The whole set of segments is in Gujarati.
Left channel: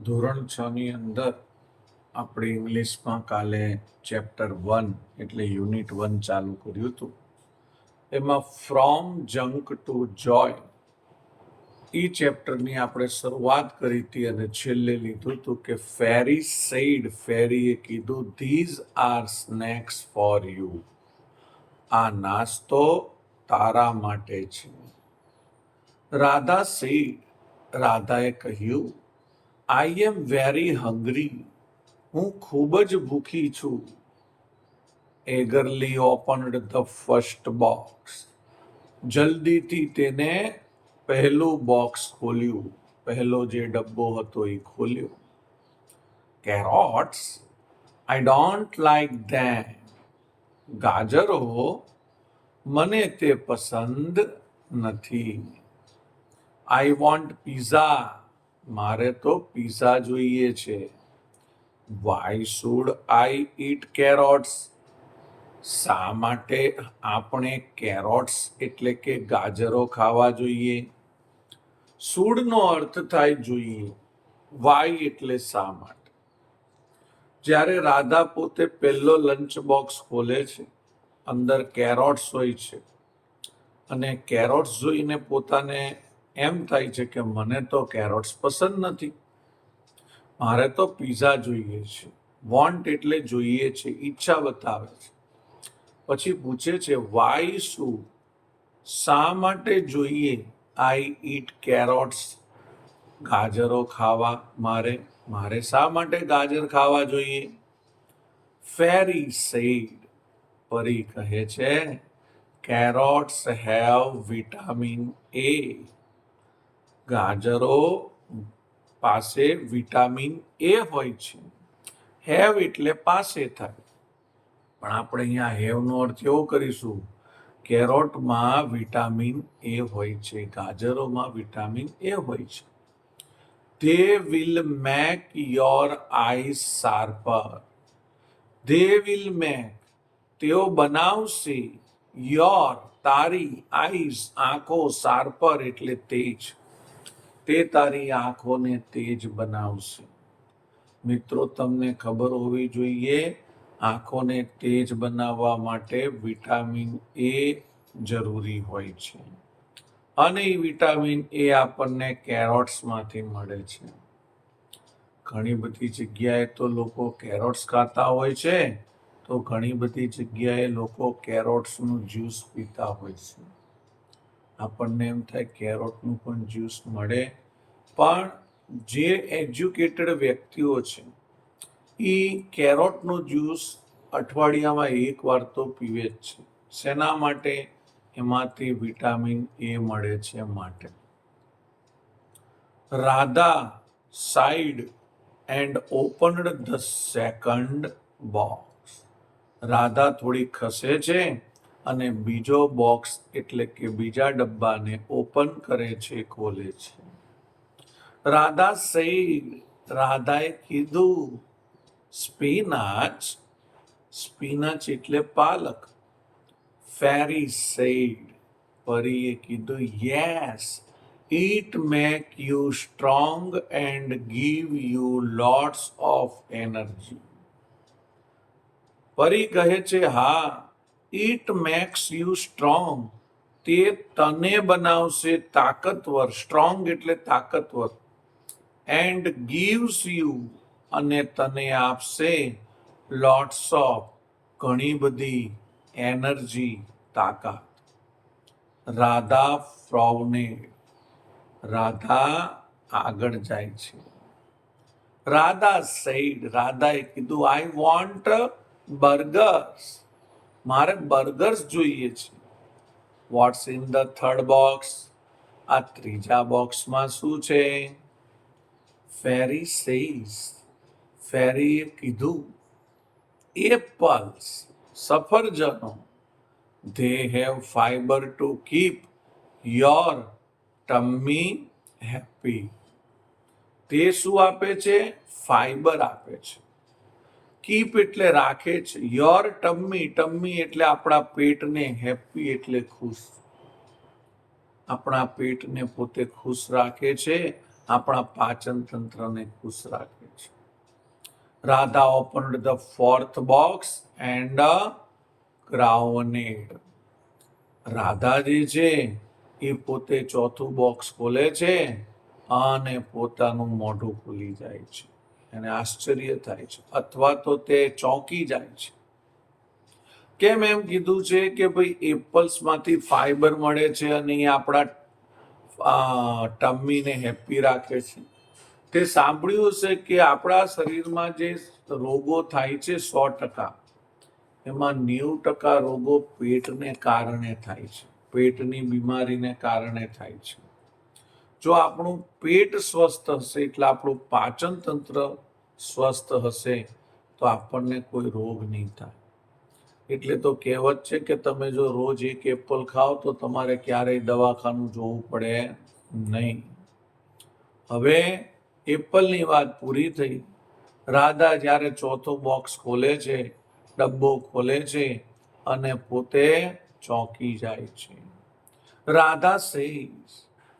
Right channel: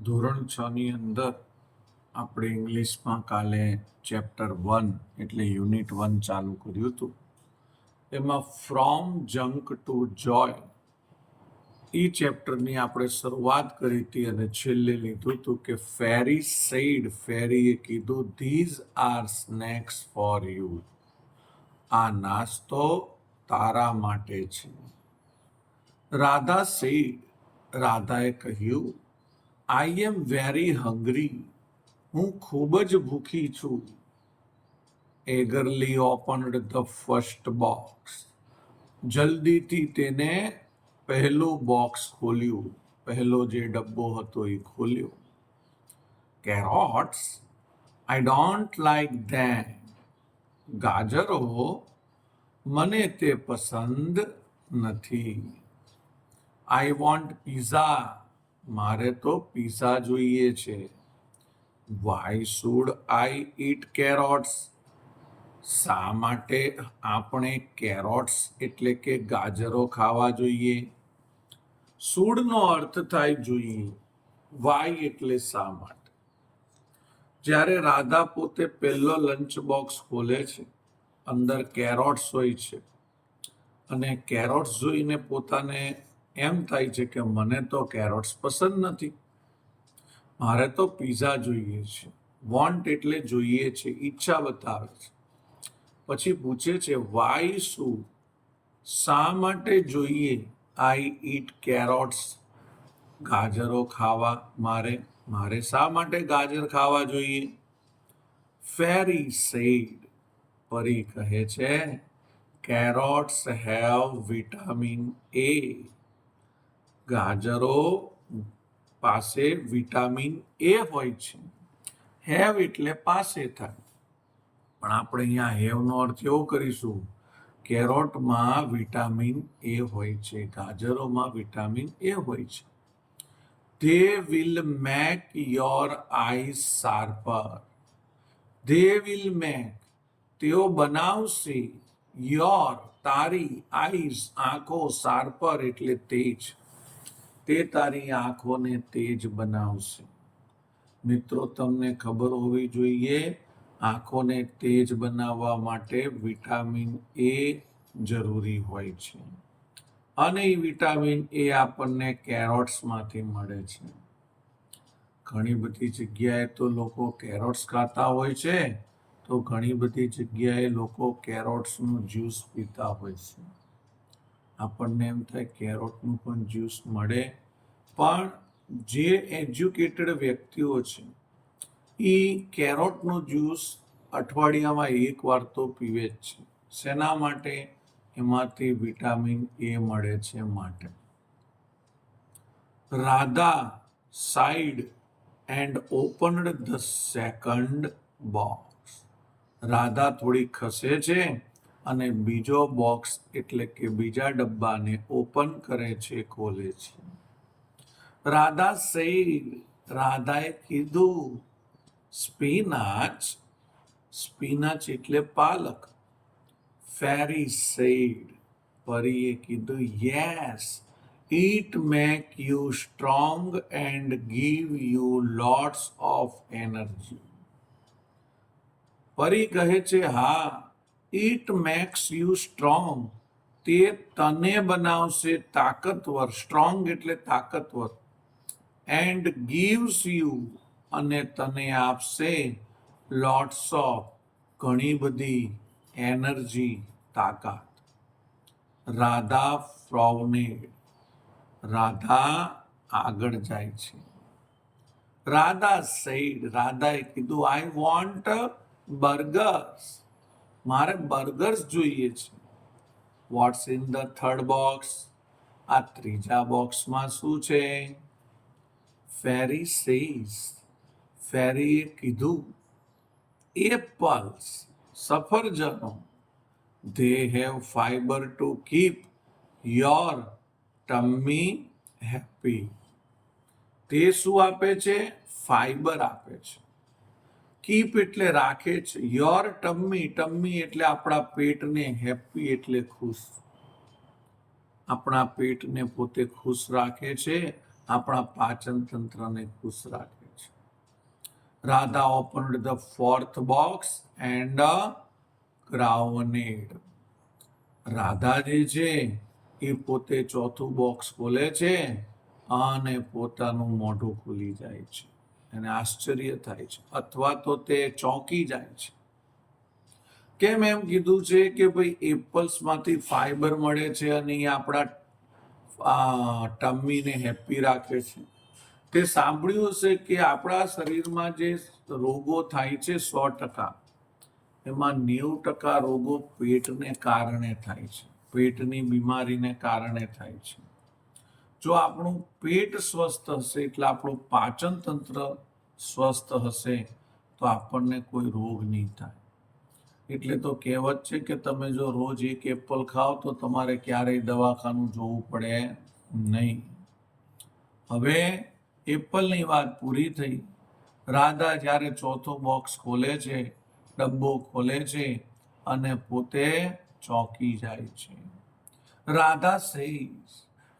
ધોરણ 6 ની અંદર આપણે ઇંગ્લિશમાં કાલે ચેપ્ટર 1 એટલે યુનિટ 1 ચાલુ કર્યું હતું. એમાં ફ્રોમ જંક ટુ જોય એ ચેપ્ટરની આપણે શરૂઆત કરી હતી અને છેલ્લે લીધું હતું કે ફેરી સેડ, ફેરીએ કીધું these are snacks for you, આ નાસ્તો તારા માટે છે. રાધા સેડ, રાધાએ કહ્યું આઈ એમ વેરી હંગ્રી, હું ખૂબ જ ભૂખી છું. એગરલી ઓપન્ડ ધ ફર્સ્ટ બોક્સ, જલ્દીથી તેને પહેલું બોક્સ ખોલ્યું, પહેલો જે ડબ્બો હતો એ ખોલ્યો. કેરોટ્સ, આઈ ડોન્ટ લાઈક ધેમ, ગાજરો મને તે પસંદ નથી. આઈ વોન્ટ પીઝા, મારે તો પીઝા જોઈએ છે. વાય શુડ આઈ ઈટ કેરોટ્સ, શા માટે આપણે કેરોટ્સ એટલે કે ગાજરો ખાવા જોઈએ? શુડનો અર્થ થાય જોઈએ, વાય એટલે શા માટે. જ્યારે રાધા પોતે પહેલો લંચ બોક્સ ખોલે છે, અંદર કેરોટ્સ હોય છે અને કેરોટ્સ જોઈને પોતાને એમ થાય છે કે મને તો કેરોટ્સ પસંદ નથી, મારે તો પીઝા જોઈએ છે. વોન્ટ એટલે જોઈએ છે, ઈચ્છા બતાવે છે. પછી પૂછે છે વાય શું, શા માટે જોઈએ આઈ ઈટ કેરોટ્સ, ગાજરો ખાવા મારે શા માટે ગાજર ખાવા જોઈએ? ફેરી સેડ, પરી કહે છે કેરોટ્સ હેવ વિટામિન એ, ગાજરો પાસે વિટામિન એ હોય છે. હેવ એટલે પાસે થાય, પણ આપણે અહીંયા હેવનો અર્થ એવો કરીશું, કેરોટમાં વિટામિન એ હોય છે, ગાજરોમાં વિટામિન એ હોય છે. They will make your eyes sharper, they will make તેઓ બનાવશે, યોર તારી, આઈઝ આંખો, શાર્પર એટલે તેજ, તે તારી આંખોને તેજ બનાવશે. મિત્રો, તમને ખબર હોવી જોઈએ આંખોને તેજ બનાવવા માટે વિટામિન એ જરૂરી હોય છે અને એ વિટામિન એ આપણને કેરોટ્સમાંથી મળે છે. ઘણી બધી જગ્યાએ તો લોકો કેરોટ્સ ખાતા હોય છે, તો ઘણી બધી જગ્યાએ લોકો કેરોટ્સનું જ્યુસ પીતા હોય છે. આપણને એમ થાય કેરોટનું પણ જ્યુસ મળે, પણ જે એજ્યુકેટેડ વ્યક્તિઓ છે એ કેરોટનો જ્યુસ અઠવાડિયામાં એક વાર તો પીવે જ છે. શેના માટે? એમાંથી વિટામિન એ મળે છે માટે. Radha side and opened the second box, Radha થોડી ખસે છે અને બીજો બોક્સ એટલે કે બીજા ડબ્બાને ઓપન કરે છે, ખોલે છે. રાધા સેડ, રાધાએ કીધું સ્પિનાચ, સ્પિનાચ એટલે પાલક. ફેરી સેડ, પરીએ કીધું yes, it make you strong and give you lots of energy. પરી કહે છે હા, ઇટ મેક્સ યુ સ્ટ્રોંગ, તે તને બનાવશે તાકતવર, સ્ટ્રોંગ એટલે તાકતવર, એન્ડ ગીવ્સ યુ અને તને આપશે લોટ્સ ઓફ ઘણી બધી એનર્જી, તાકાત. રાધા ફ્રોવનેડ, રાધા આગળ જાય છે. રાધા સેડ, રાધાએ કીધું આઈ વોન્ટ બર્ગર્સ, મારે બર્ગર્સ જોઈએ છે. What's in the third box, આ ત્રીજા બોક્સમાં શું છે? ફેરી સેઝ, ફેરીએ કીધું એપલ્સ, સફરજનો. They have fibre to keep your tummy happy, તે શું આપે છે? ફાઈબર આપે છે. કીપ એટલે રાખે છે, યોર ટમ્મી, ટમ્મી એટલે આપણા પેટને, હેપી એટલે ખુશ, આપણા પેટને પોતે ખુશ રાખે છે આપણા પાચન તંત્રને ખુશ રાખે છે. Radha opened the fourth box and ground. Radha જે છે એ પોતે ચોથું બોક્સ ખોલે છે અને પોતાનું મોઢું ખુલી જાય છે. એને આશ્ચર્ય થાય છે અથવા તો તે ચોંકી જાય છે. કેમ એમ કીધું છે કે ભાઈ એપલ્સમાંથી ફાઈબર મળે છે અને એ આપણા ટમ્મીને હેપી રાખે છે. તે સાંભળ્યું હશે કે આપણા શરીરમાં જે રોગો થાય છે 100%, એમાં 90% રોગો પેટને કારણે થાય છે, પેટની બીમારીને કારણે થાય છે. જો આપણું પેટ સ્વસ્થ હશે એટલે આપણું પાચન તંત્ર સ્વસ્થ હશે તો આપણને કોઈ રોગ નહીં થાય. એટલે તો કહેવત છે કે તમે જો રોજ એક એપલ ખાઓ તો તમારે ક્યારેય દવાખાનું જોવું પડે નહીં. હવે એપલની વાત પૂરી થઈ. રાધા જ્યારે ચોથો બોક્સ ખોલે છે, ડબ્બો ખોલે છે અને પોતે ચોંકી જાય છે. રાધા સેઝ,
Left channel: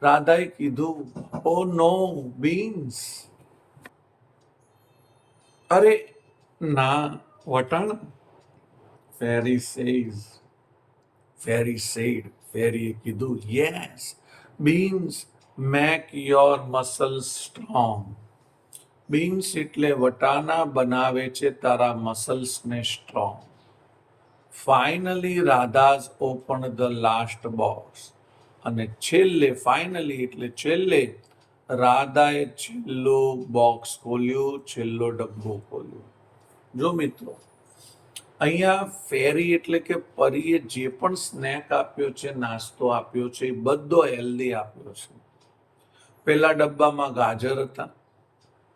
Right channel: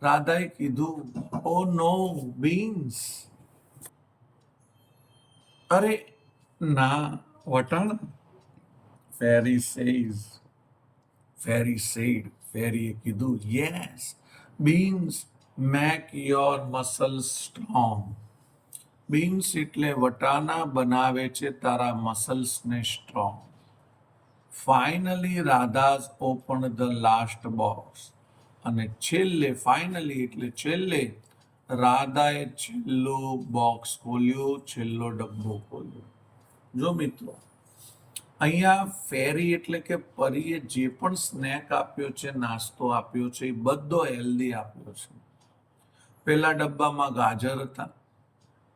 રાધાએ કીધું, ઓ નો બીન્સ, અરે ના વટાણા. ફેરી સેઝ, ફેરી સેડ, ફેરીએ કીધું, yes beans make your muscles strong. Beans એટલે વટાણા બનાવે છે તારા મસલ્સને strong. Finally Radha's open the last box. અને છેલ્લે, ફાઇનલી એટલે છેલ્લે, રાધાએ છેલ્લો બોક્સ ખોલ્યો, છેલ્લો ડબ્બો ખોલ્યો. જો મિત્રો, અહીંયા ફેરી એટલે કે પરીએ જે પણ સ્નેક આપ્યો છે, નાસ્તો આપ્યો છે, એ બધો હેલ્ધી આપ્યો છે. પહેલા ડબ્બામાં ગાજર હતા,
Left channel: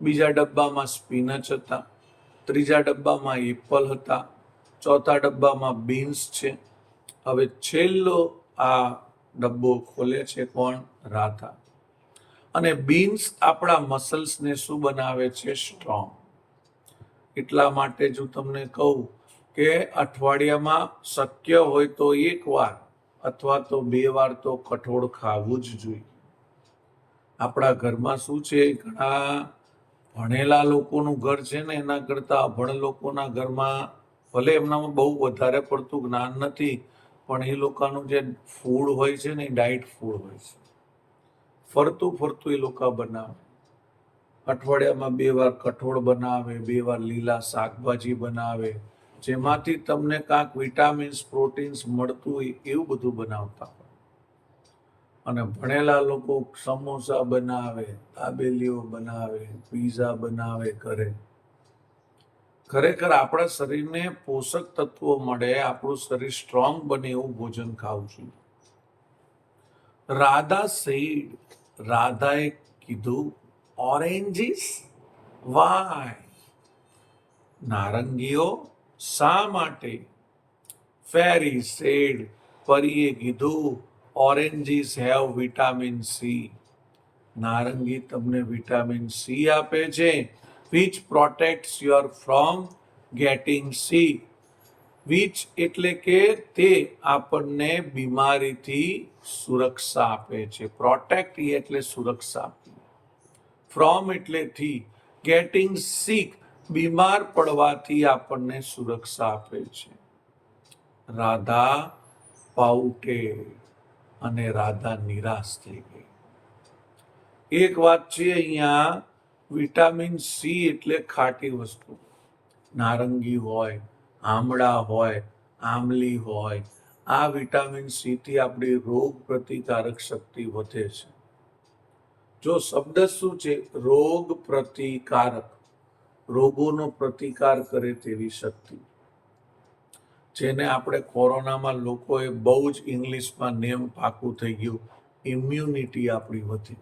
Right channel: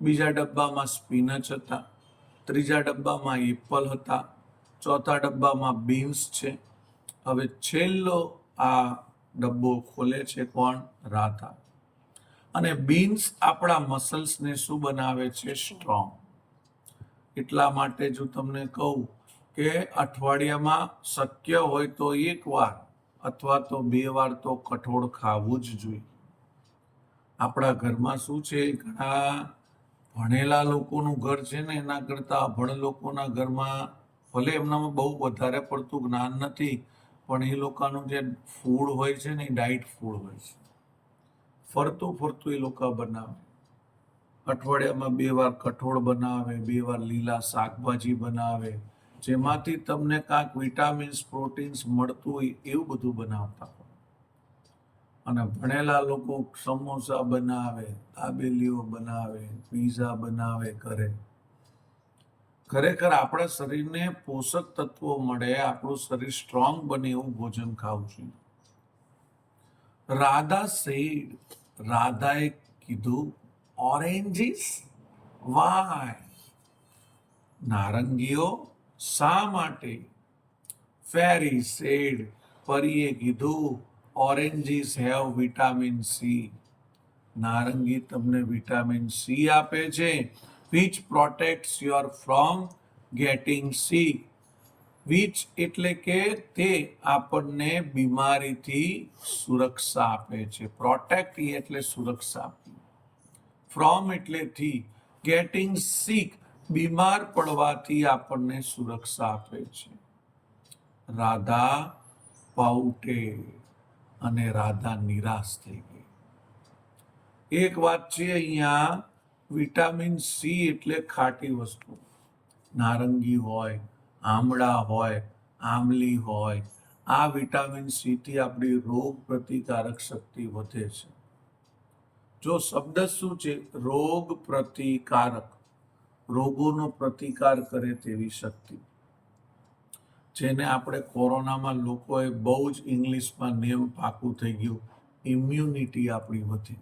બીજા ડબ્બામાં સ્પિનચ હતા, ત્રીજા ડબ્બામાં એપલ હતા, ચોથા ડબ્બામાં બીન્સ છે. હવે છેલ્લો આ ડબ્બો ખોલે છે કોણ? રાધા. અને બીન્સ આપણા મસલ્સને શું બનાવે છે? સ્ટ્રોંગ. એટલા માટે જો તમને કહું કે અઠવાડિયામાં શક્ય હોય તો 1 વાર અથવા તો 2 વાર તો કઠોળ ખાવું જ જોઈએ. આપણા ઘરમાં શું છે, ઘણા ભણેલા લોકોનું ઘર છે ને એના કરતાં અભણ લોકોના ઘરમાં ભલે એમનામાં બહુ વધારે પડતું જ્ઞાન નથી, પણ એ લોકોનું જે ફૂડ હોય છે ને એ ડાયટ ફૂડ હોય છે. ફરતું ફરતું એ લોકો બનાવે. અઠવાડિયામાં 2 વાર કઠોળ બનાવે, 2 વાર લીલા શાકભાજી બનાવે, જેમાંથી તમને કાંઈક વિટામિન્સ, પ્રોટીન્સ મળતું હોય એવું બધું બનાવતા હોય. અને ભણેલા લોકો સમોસા બનાવે, દાબેલીઓ બનાવે, પીઝા બનાવે ઘરે. ખરેખર આપણા શરીરને પોષક તત્વો મળે, આપણું શરીર સ્ટ્રોંગ બને એવું ભોજન ખાવું જોઈએ. રાધા સેડ, રાધાએ કીધું, ઓરેન્જીસ વાય, નારંગીઓ શા માટે? ફેરી સેડ, પરીએ કીધું, ઓરેન્જીસ હેવ વિટામિન સી. નારંગી તમને વિટામિન સી આપે છે, which protects your from getting sick. Which એટલે કે તે આપણને બીમારીથી સુરક્ષા આપે છે. પ્રોટેક્ટ એટલે સુરક્ષા આપવી, ફ્રોમ એટલે થી, ગેટિંગ સિક બીમાર પડવાથી આપણને સુરક્ષા આપે છે. રાધા પાઉટે અને રાધા નિરાશ થઈ ગઈ. એક વાત છે અહીંયા, વિટામિન સી એટલે ખાટી વસ્તુ. નારંગી હોય, આમળા હોય, આમલી હોય, આ વિટામિન સી થી આપણી રોગ પ્રતિકારક શક્તિ વધે છે. જો શબ્દ શું છે? રોગ પ્રતિકારક, રોગોનો પ્રતિકાર કરે તેવી શક્તિ. જેને આપણે કોરોનામાં લોકોએ બહુ જ ઇંગ્લિશમાં નેમ પાકું થઈ ગયું, ઇમ્યુનિટી આપણી વધી.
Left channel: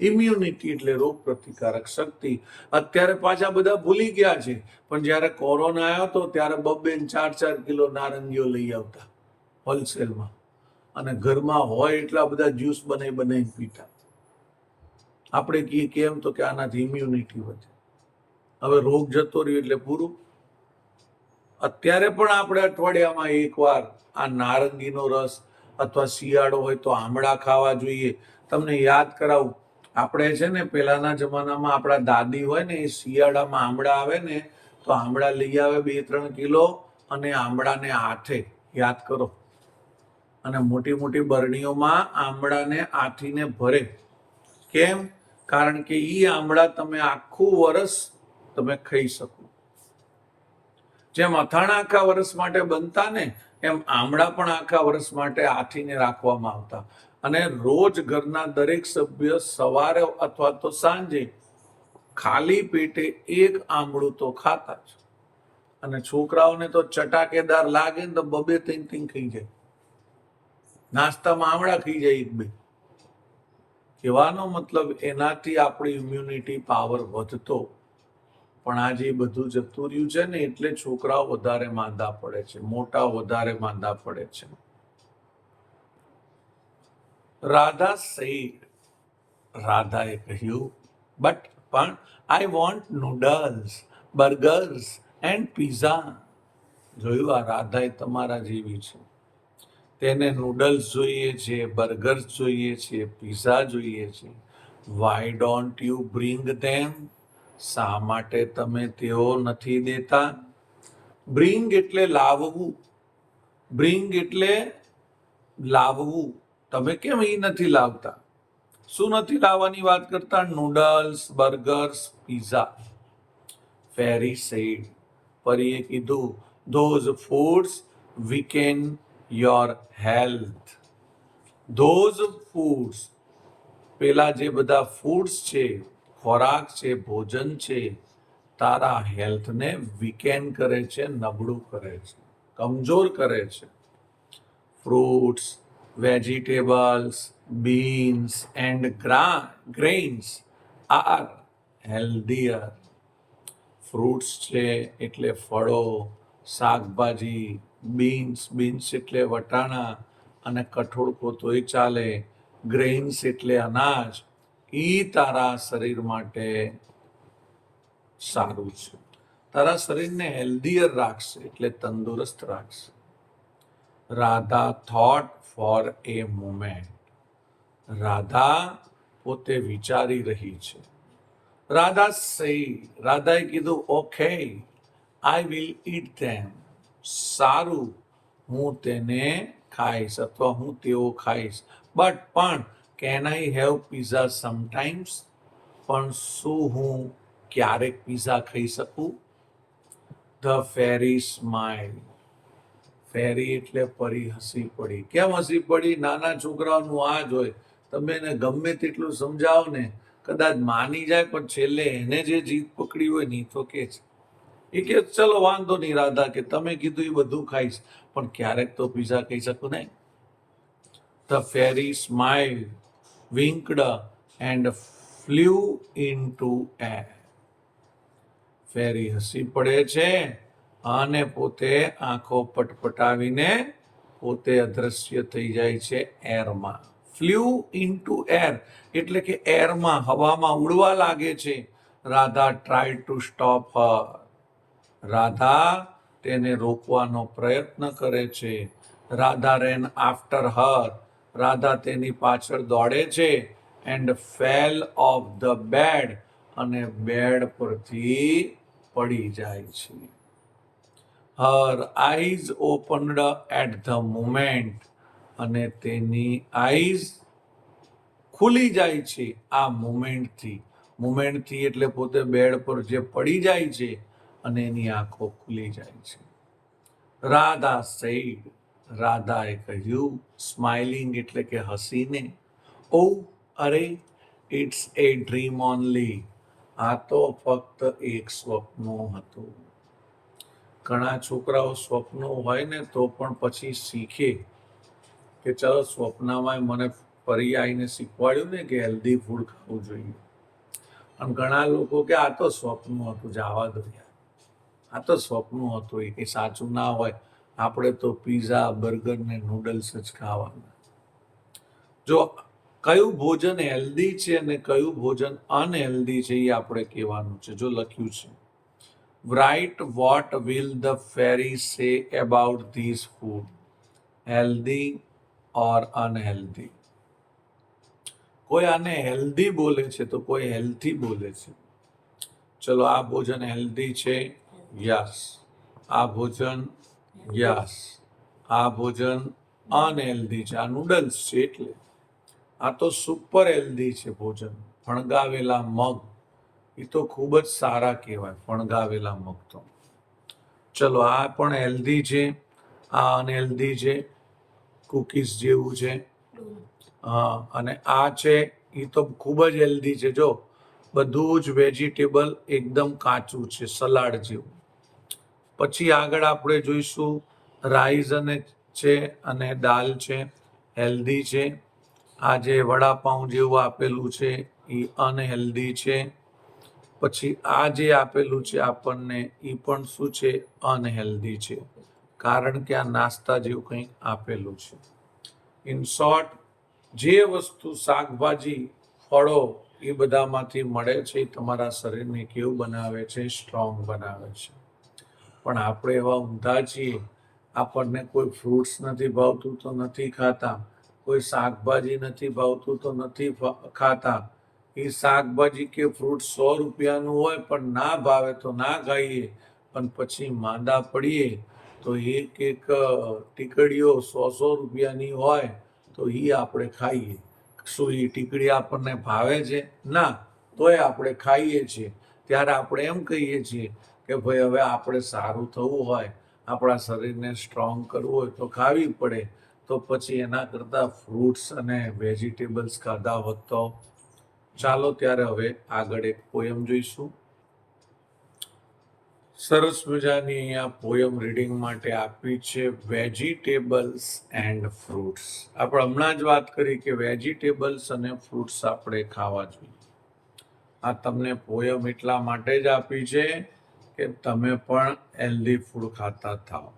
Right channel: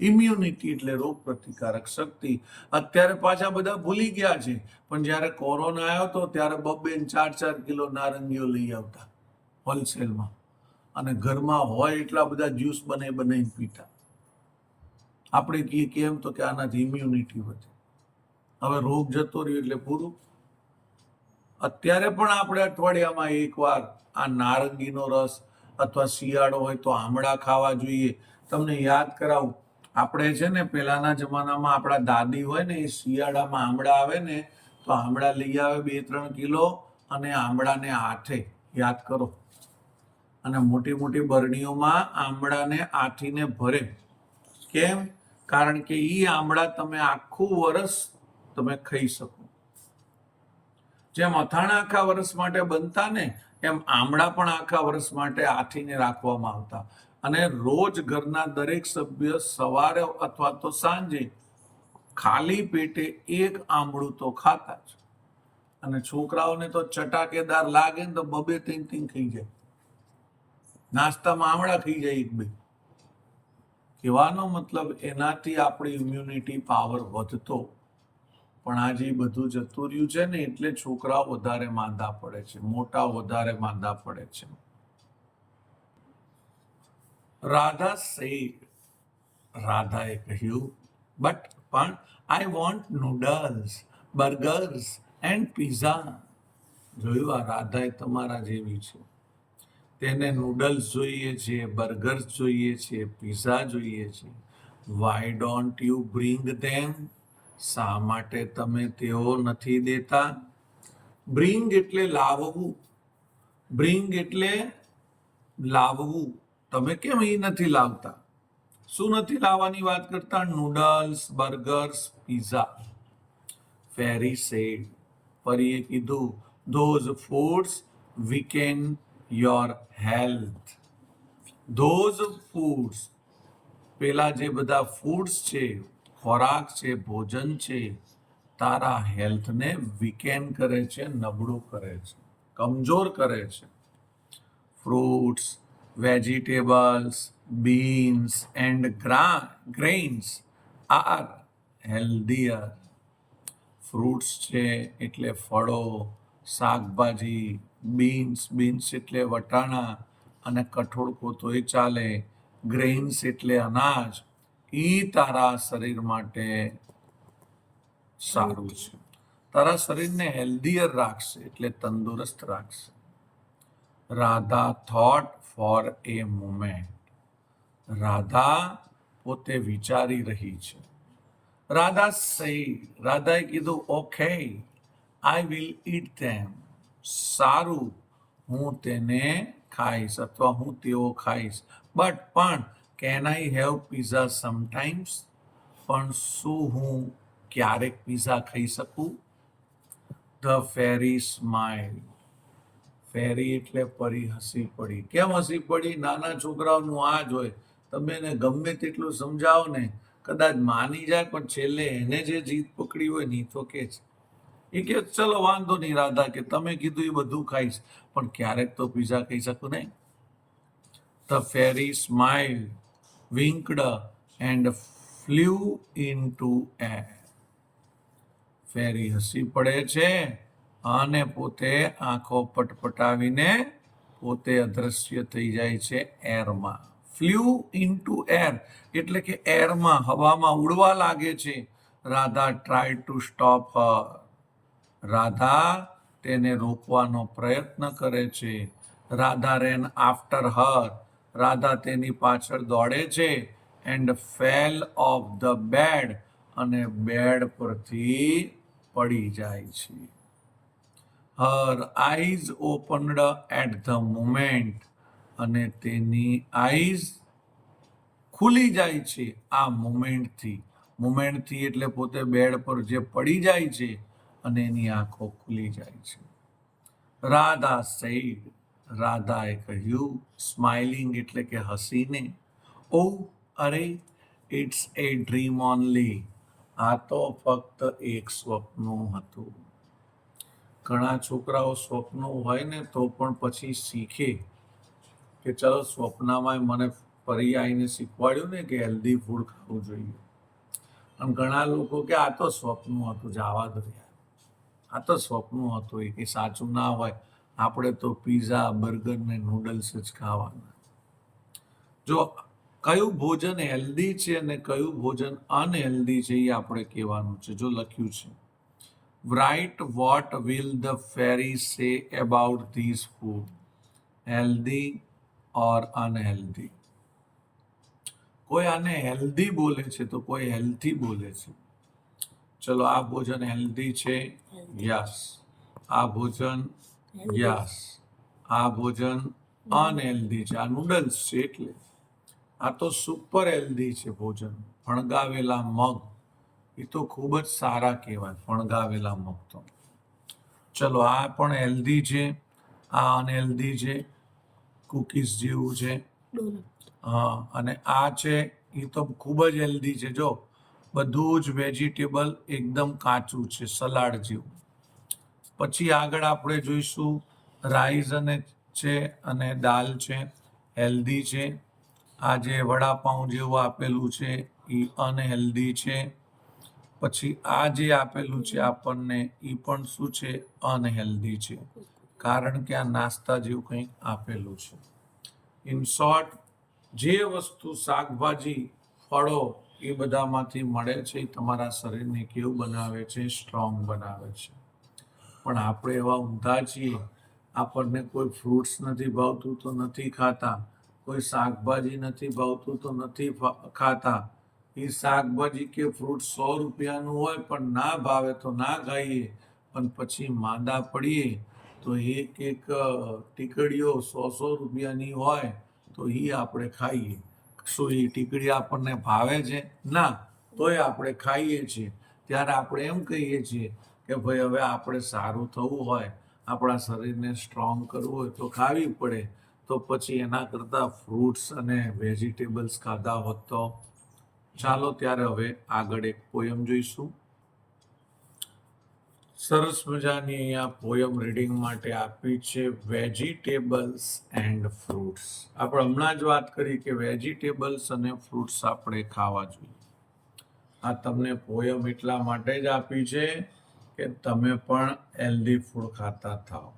ઇમ્યુનિટી એટલે રોગ પ્રતિકારક શક્તિ. અત્યારે પાછા બધા ભૂલી ગયા છે, પણ જ્યારે કોરોના આવ્યો હતો ત્યારે 2-4 કિલો નારંગીઓ લઈ આવતા હોલસેલમાં, અને ઘરમાં હોય એટલા બધા જ્યુસ બનાવીને પીતા. આપણે કહીએ કેમ, તો કે આનાથી ઇમ્યુનિટી વધે. હવે રોગ જતો રહ્યો એટલે પૂરું. અત્યારે પણ આપણે અઠવાડિયામાં 1 વાર આ નારંગીનો રસ અથવા શિયાળો હોય તો આમળા ખાવા જોઈએ. તમને યાદ કરાવું, આપણે છે ને પેલાના જમાનામાં આપણા દાદી હોય ને એ શિયાળામાં આંબળા આવે ને તો આંબળા લઈ આવે 2-3 કિલો અને આંબળાને હાથે યાદ કરો અને મોટી મોટી બરણીઓમાં આંબળાને આથીને ભરે. કેમ? કારણ કે ઈ આંબળા તમે આખું વર્ષ તમે ખાઈ શકો. જેમ અથાણા આખા વર્ષ માટે બનતા ને એમ આંબળા પણ આખા વર્ષ માટે આથીને રાખવામાં આવતા અને રોજ ઘરના દરેક સભ્ય સવારે અથવા તો સાંજે ખાલી પેટે એક આંબળું તો ખાતા જ. અને છોકરાઓને તો ચટાકેદાર લાગે ને તો 2-3 ખાઈ જાય. નાસ્તામાં આંબળા ખાઈ જાય 1-2. કહેવાનો મતલબ એનાથી આપણી ઇમ્યુનિટી પાવર વધતો. પણ આજે બધું જતું રહ્યું છે ને એટલે છોકરાઓ વધારે માંદા પડે છે, મોટા વધારે માંદા પડે છે. રાધા સેડ, રાધાએ કહ્યું, પણ I want noodles, burgers and pizza. જોયું, આ રાધા તમારા જેવી છે. તેને નૂડલ્સ જોઈએ છે, બર્ગર્સ જોઈએ છે, પીઝા જોઈએ છે. વાય ડોન્ટ યુ બ્રિંગ ધેમ? શા માટે તમે તેઓ નથી દેતા? બ્રિંગ એટલે લાવવું. બ્રિંગ એટલે લાવવું. તમે કેમ એ નથી લાવતા? શું નથી લાવવાની વાત કરતા? Noodles, burgers, pizza. Fairy said, પરીએ કીધું, those foods weaken your health. Those foods, પેલા જે બધા ફૂડ્સ છે, ખોરાક છે, ભોજન છે, તારા હેલ્થને વીકેન કરે છે, નબળું કરે છે, કમજોર કરે છે. Fruits, vegetables, beans and grains are healthier. Fruits છે એટલે ફળો, શાકભાજી, બીન્સ એટલે વટાણા અને કઠોળ તોય ચાલે, ગ્રેઇન્સ એટલે અનાજ, ઈ તારા શરીર માટે સારું છે. તારા શરીરને હેલ્ધીયર રાખશે એટલે તંદુરસ્ત રાખશે. રાધા થોટ ફોર એ મોમેન્ટ. રાધા પોતે વિચારી રહી છે. રાધા સેડ, રાધાએ કીધું, ઓકે, આઈ વિલ ઈટ ધેમ. સારું, હું તેને ખાઈશ અથવા હું તેઓ ખાઈશ. પણ can I have pizza sometimes? પણ શું હું ક્યારેક પીઝા ખાઈ શકું? The fairy smile. ફેરી એટલે પરી હસી પડી. કેમ હસી પડી? નાના છોકરાઓનું આ જ હોય. તમે એને ગમે તેટલું સમજાવો ને, કદાચ માની જાય પણ છેલ્લે એને જે જીદ પકડી હોય ને તો કે છે. એ કે ચલો વાંધો નહીં રાધા, કે તમે કીધું એ બધું ખાઈશ પણ ક્યારેક તો પીઝા ખાઈ શકું ને. The fairy smile, winked and flew into air. Fairy હસી પડે છે અને પોતે આંખો પટપટાવીને પોતે અદ્રશ્ય થઈ જાય છે એરમાં. ફ્લ્યુ ઇનટુ એર એટલે કે એરમાં, હવામાં ઉડવા લાગે છે. Radha tried to stop her. Radha તેને રોકવાનો પ્રયત્ન કરે છે. Radha ran after her. Radha તેની પાછળ દોડે છે. And fell off the bed, અને બેડ પરથી પડી જાય છે. Her eyes opened at the moment, અને તેની આઈઝ ખુલી જાય છે આ મોમેન્ટથી. મોમેન્ટથી એટલે પોતે બેડ પર જે પડી જાય છે અને એની આંખો ખુલી જાય છે. રાધા સેડ, રાધાએ કહ્યું, સ્માઇલિંગ એટલે કે હસીને, ઓ અરે, ઇટ્સ એ ડ્રીમ ઓનલી. આ તો ફક્ત એક સ્વપ્ન હતું. ઘણા છોકરાઓ સ્વપ્નો હોય ને તો પણ પછી શીખે કે ચલો સ્વપ્નમાં મને ફરી આવીને શીખવાડ્યું ને કે હેલ્ધી ફૂડ ખાવું જોઈએ. અને ઘણા લોકો કે આ તો સ્વપ્ન હતું, જવા દો યાર, આ તો સ્વપ્ન હતું, એ કંઈ સાચું ના હોય. આપણે તો પીઝા, બર્ગર ને નૂડલ્સ જ ખાવાના. જો કયું ભોજન હેલ્ધી છે અને કયું ભોજન અનહેલ્ધી છે એ આપણે કહેવાનું છે. જો લખ્યું છે, write what will the fairy say about this food, healthy or unhealthy. કોઈ આને હેલ્ધી બોલે છે તો કોઈ હેલ્થી બોલે છે. ચલો, આ ભોજન હેલ્ધી છે, યસ. આ ભોજન, યસ. આ ભોજન અનહેલ્ધી છે, આ નૂડલ્સ છે એટલે. આ તો સુપર હેલ્ધી છે ભોજન. ફણગાવેલા મગ, એ તો ખૂબ જ સારા કહેવાય, ફણગાવેલા મગ તો. ચલો, આ પણ હેલ્ધી છે, આ અનહેલ્ધી છે, કુકીઝ જેવું છે. હા, અને આ છે એ તો ખૂબ જ હેલ્ધી છે. જો, બધું જ વેજીટેબલ એકદમ કાચું છે, સલાડ જેવું. પછી આગળ આપણે જોઈશું રાઈસ અને છે અને દાલ છે, હેલ્ધી છે. આ જે વડાપાઉં જેવું આપેલું છે એ અનહેલ્ધી છે. પછી આ જે આપેલું છે આપણને એ પણ શું છે, અનહેલ્ધી છે, કારણ કે આ નાસ્તા જેવું કંઈક આપેલું છે. ઇન શોર્ટ, જે વસ્તુ શાકભાજી, ફળો એ બધામાંથી મળે છે એ તમારા શરીરને કેવું બનાવે છે, સ્ટ્રોંગ બનાવે છે. પણ આપણે એવા ઊંધા છીએ, આપણને કોઈ ફ્રૂટ્સ નથી ભાવતું તો નથી ખાતા, કોઈ શાકભાજી નથી ભાવતું તો નથી ખાતા. એ શાકભાજી કે ફ્રૂટ 100 રૂપિયાનું હોય પણ ના ભાવે તો ના ખાઈએ, પણ પછી માંદા પડીએ તો એક એક ટીકડીઓ 100 રૂપિયાની હોય તો એ આપણે ખાઈએ. શું એ ટીકડી આપણને ભાવે છે? ના. તોય આપણે ખાઈએ છીએ. ત્યારે આપણે એમ કહીએ છીએ કે ભાઈ હવે આપણે સારું થવું હોય, આપણા શરીરને સ્ટ્રોંગ કરવું હોય તો ખાવી પડે. તો પછી એના કરતાં ફ્રૂટ્સ અને વેજીટેબલ્સ ખાધા હોત તો. ચાલો ત્યારે હવે આગળ એક પોયમ જોઈશું. સરસ મજાની અહીંયા પોયમ રીડિંગ માટે આપી છે, વેજીટેબલ્સ એન્ડ ફ્રૂટ્સ. આપણે હમણાં જ વાત કરી કે વેજીટેબલ્સ અને ફ્રૂટ્સ આપણે ખાવા જોઈએ. આ તમને પોયમ એટલા માટે જ આપી છે કે તમે પણ હેલ્ધી ફૂડ ખાતા થાઓ.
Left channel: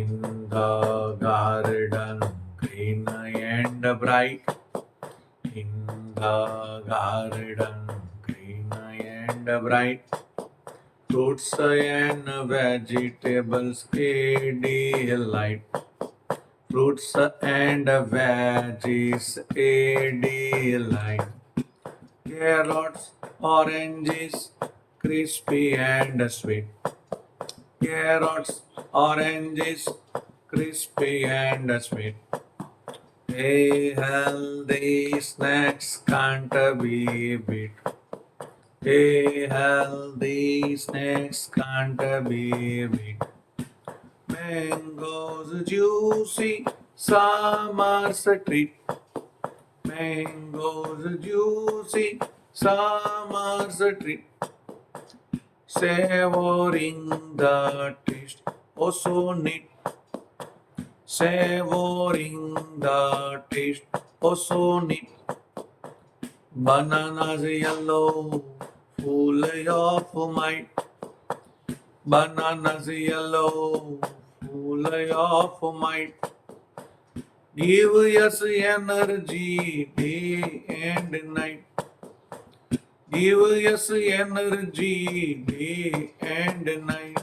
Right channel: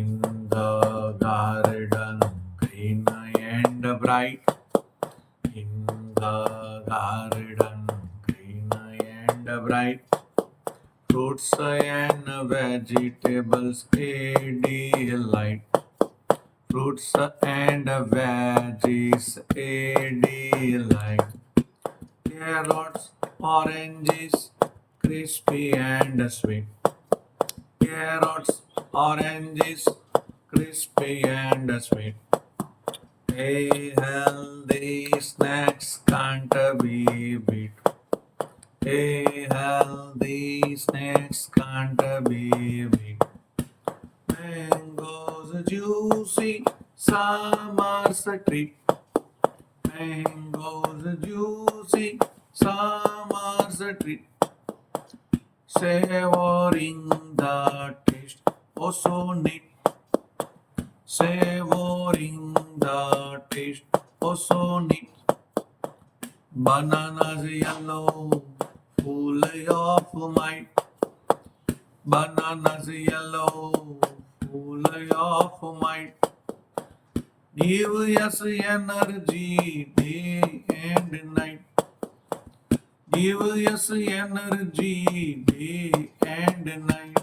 In the garden green and bright, in the garden green and bright, fruits and vegetables a delight, fruits and veggies a delight, carrots, oranges, crispy and sweet, carrots, oranges, crispy and sweet. A healthy snacks can't be beat. A healthy snacks can't be beat. Mangoes juicy, summer's treat. Mangoes juicy, summer's treat. Savoring the taste, oh so neat. Savoring the taste, oh so neat. Bananas yellow, full of might. Bananas yellow, full of might. Give us energy day and night. Give us energy day and night.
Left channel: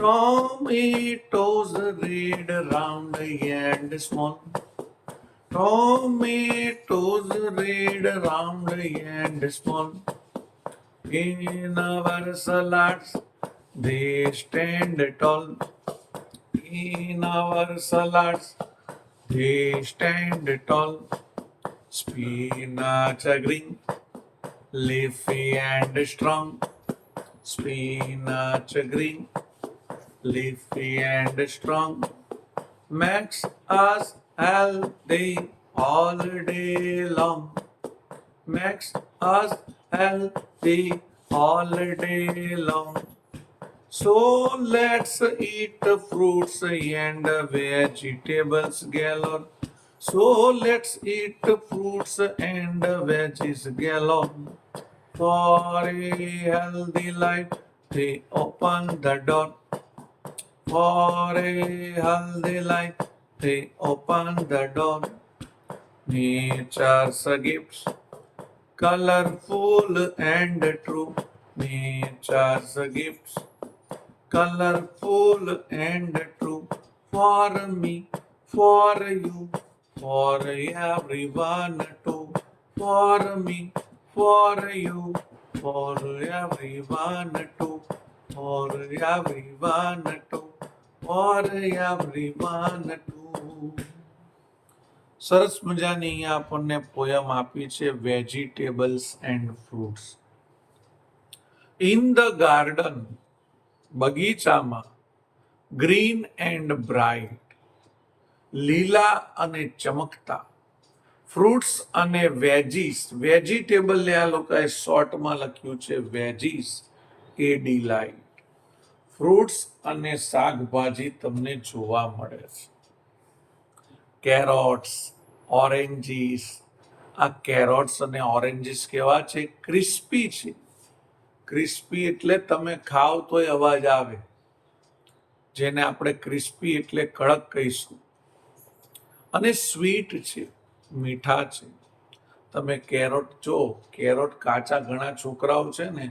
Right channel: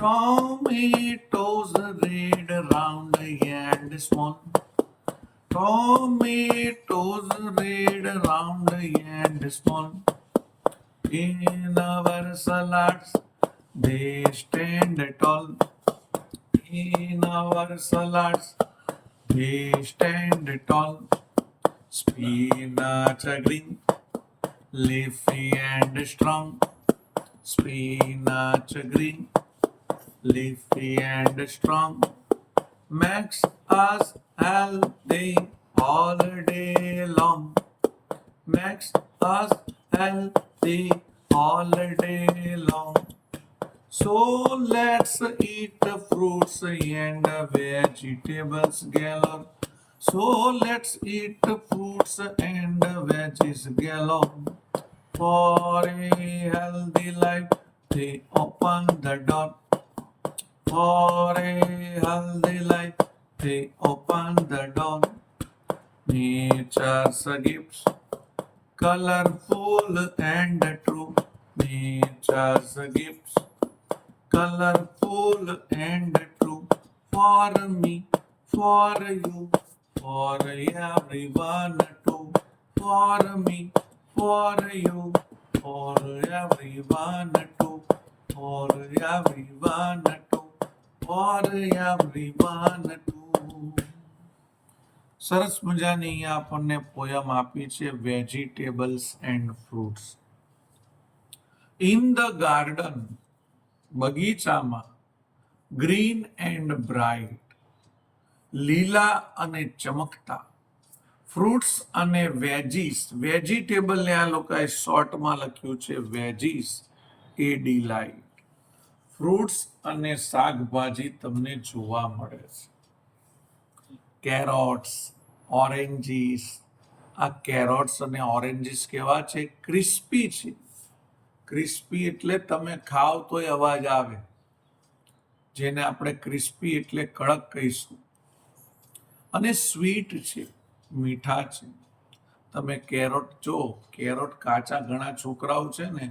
Tomatoes red, round and small. Tomatoes red, round and small. In our salads, they stand tall. In our salads, they stand tall. Spinach green, leafy and strong. Spinach green, leafy and strong, makes us healthy all day long. Makes us healthy all day long. So let's eat fruits and vegetables galore. So let's eat fruits and veggies galore. For a healthy life, they open the door. For a healthy life, they open the door. Nature's gifts, colorful and true. Nature's gifts, colorful and true. For me, for you, for everyone too, for me, for you, for everyone too, for everyone too, for everyone too. સરસ મજાની અહીંયા આપણને પોયમ આપી છે vegetables and fruits. In the garden, બગીચામાં, ગ્રીન એન્ડ બ્રાઇટ, લીલા અને ચમકતા, ફ્રૂટ્સ અને વેજીસ, વેજીટેબલ ને આ લોકોએ શોર્ટમાં લખ્યું છે વેજીસ, એ ડીલાઇટ, ફ્રૂટ્સ અને શાકભાજી તમને જોવા મળે છે. કેરોટ્સ, ઓરેન્જીસ, આ કેરોટ્સ અને ઓરેન્જીસ કેવા છે? ક્રિસ્પી છે. ક્રિસ્પી એટલે તમે ખાઓ તોય અવાજ આવે, જેને આપણે ક્રિસ્પી એટલે કડક કહીશું. અને સ્વીટ છે, મીઠા છે. તમે કેરોટ જો, કેરોટ કાચા ઘણા છોકરાઓ છે ને,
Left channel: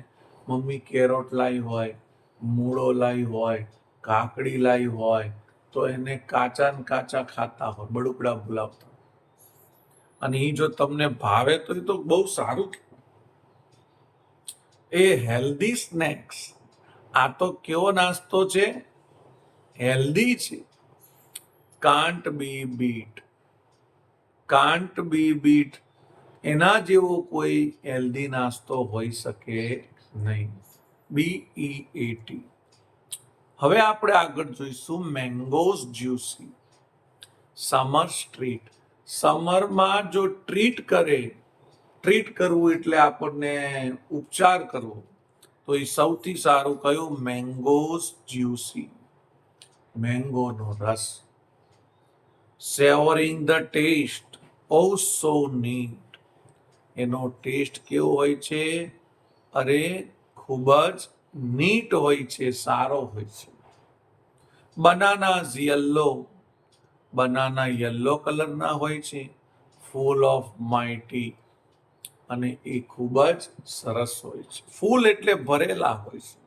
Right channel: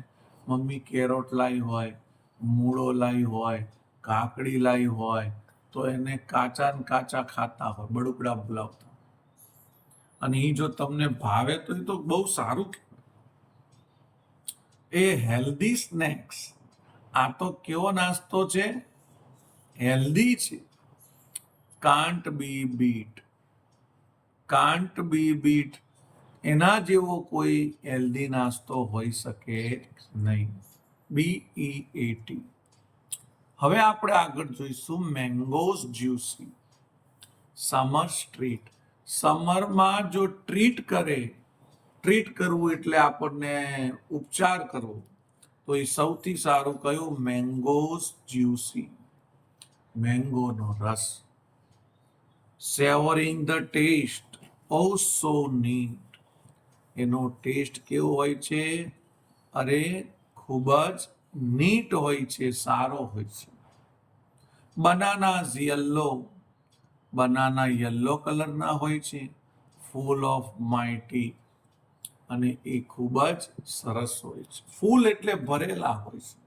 મમ્મી કેરોટ લાવી હોય, મૂળો લાવી હોય, કાકડી લાવી હોય, તો એને કાચા ને કાચા ખાતા હોય, બડુકડા બોલાવતા. અને એ જો તમને ભાવે તો એ તો બહુ સારું કહેવાય. એ હેલ્ધી સ્નેક્સ. આ તો કેવો નાસ્તો છે? હેલ્ધી છે. Can't B bit, can't B bit. એના જેવો કોઈ હેલ્ધી નાસ્તો હોઈ શકે નહીં. BEAT. હવે આપણે આગળ જોઈશું મેંગોઝ જ્યુસી. Summer street. સમરમાં જો ટ્રીટ કરે, ટ્રીટ કરવું એટલે આપણને ઉપચાર કરવો, તો એ સૌથી સારું કયું? મેંગોઝ જ્યુસી, મેંગોનો રસ. Savouring the taste, oh so neat. એનો ટેસ્ટ કેવો હોય છે? અરે ખૂબ જ નીટ હોય છે, સારો હોય છે. બનાનાઝ યલો, બનાના યલો કલરના હોય છે. ફૂલ ઓફ માઇટી, અને એ ખૂબ જ સરસ હોય છે. ફૂલ એટલે ભરેલા હોય છે.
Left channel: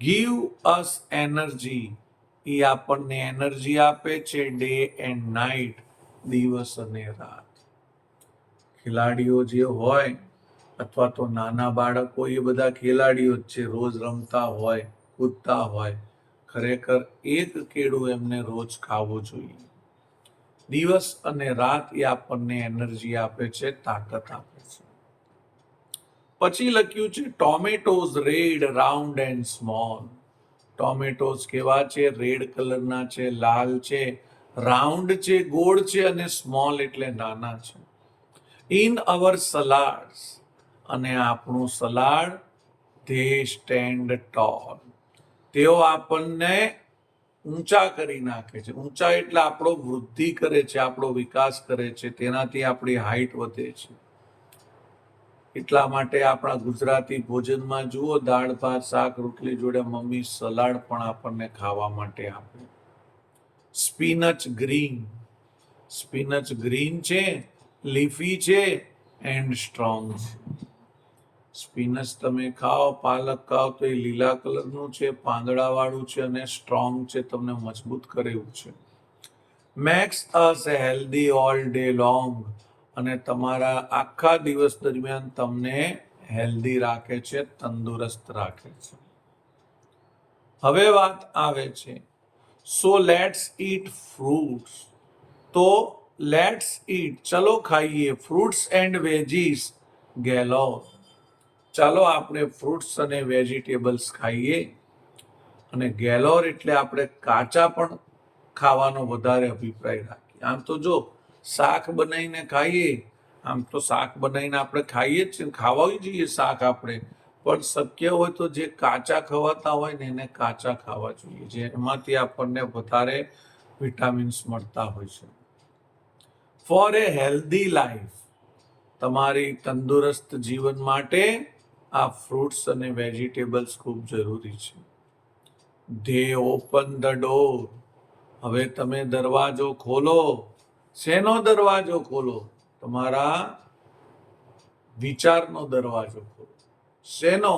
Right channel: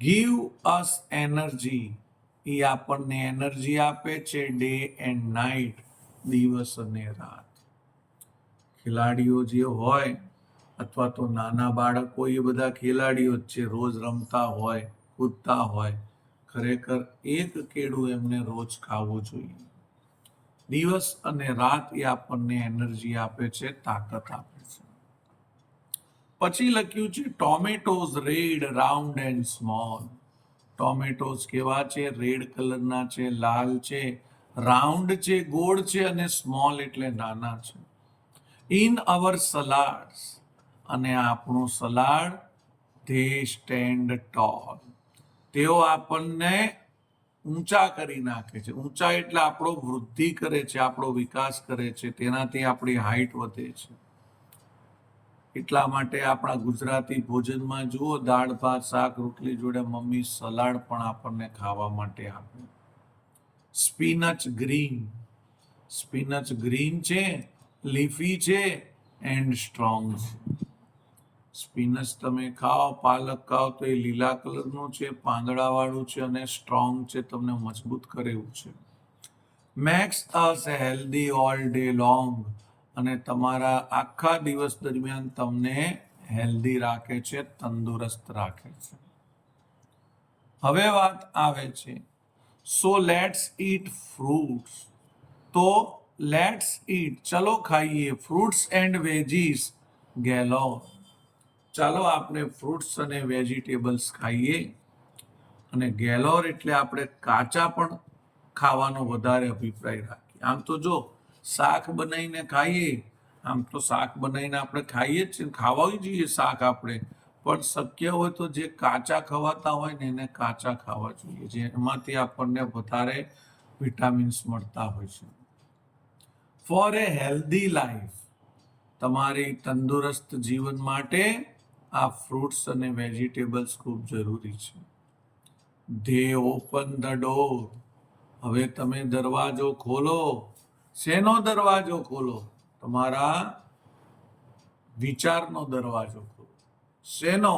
ગીવ અસ એનર્જી, એ આપણને એનર્જી આપે છે ડે એન્ડ નાઇટ, દિવસ અને રાત. ખેલાડીઓ જે હોય અથવા તો નાના બાળકો, એ બધા ખેલાડીઓ જ છે, રોજ રમતા હોય, કૂદતા હોય. ખરેખર એક કેળું એમને રોજ ખાવું જોઈએ. દિવસ અને રાત એ આપણને એનર્જી આપે છે, તાકાત આપે છે. પછી લખ્યું છે tomatoes red, round and small. Tomatoes કેવા છે? રેડ કલરના છે, લાલ છે, રાઉન્ડ છે, ગોળ છે, અને સ્મોલ એટલે નાના છે. ઇન અવર સલાડ્સ, અને આપણું સલાડ, ધે સ્ટેન્ડ ટોલ. તેઓ આપણને ઊંચા કરી નાખે છે. ઊંચા એટલે આપણો વૃદ્ધિ કરે છે, આપણો વિકાસ કરે છે, તેનાથી આપણી હાઈટ વધે છે. એટલા માટે આપણા ગુજરાતી ભોજનમાં જુઓ, દાળ ભાત શાક રોટલી જોડે મમ્મી સલાડ પણ આપણને ખાવા માટે આપે. સ્પિનચ ગ્રીન, સ્પિનચ ગ્રીન છે, લીફી છે, એન્ડ સ્ટ્રોંગ છે. સ્પિનચ તમે ખાઓ, પાલક ખાઓ તો એ લીલા કલરનું છે, પાંદડાવાળું છે, અને સ્ટ્રોંગ છે, તમને મજબૂત કરે એવું છે. મેક્સ અસ હેલ્ધી ઓલ ડે લોંગ, અને તમારા આખા દિવસ દરમિયાન તમને હેલ્ધી રાખે છે, તંદુરસ્ત રાખે છે. હવે વાત આવે છે સો લેટ્સ ઈટ ફ્રૂટ્સ. તો લેટ્સ ઈટ, ચલો ખાઈએ, ફ્રૂટ્સ એન્ડ વેજીસ ગેલોર. ચાલો આપણે ફ્રૂટ્સ અને વેજીટેબલ્સ ખાઈએ. અને ગેલોર એટલે આપણે કાચા પણ ખાવાનો વધારે અભિપ્રાય રાખીએ. આમ તો જો શાક બનાવીને ખાઈએ, આમ તો શાક બનાવીને આપણે ખાઈએ જ છીએ, ખાવા જોઈએ શાક આપણે, પણ શક્ય હોય તો જે કાચા ખવાતા હોય ને એને કાચા ખાવા જોઈએ, જેમાંથી આપણને વધારે વિટામિન્સ મળતા હોય છે. ફોર એ હેલ્ધી લાઈફ, તમારી તંદુરસ્ત જીવન માટે આ ફ્રૂટ્સ અને વેજીટેબલ્સ ખૂબ જરૂરી છે. ધે ઓપન ધ ડોર, હવે તમે દરવાજો ખોલો. શેનો દરવાજો ખોલો? તમારા વિચારનો દરવાજો ખોલો. શેનો?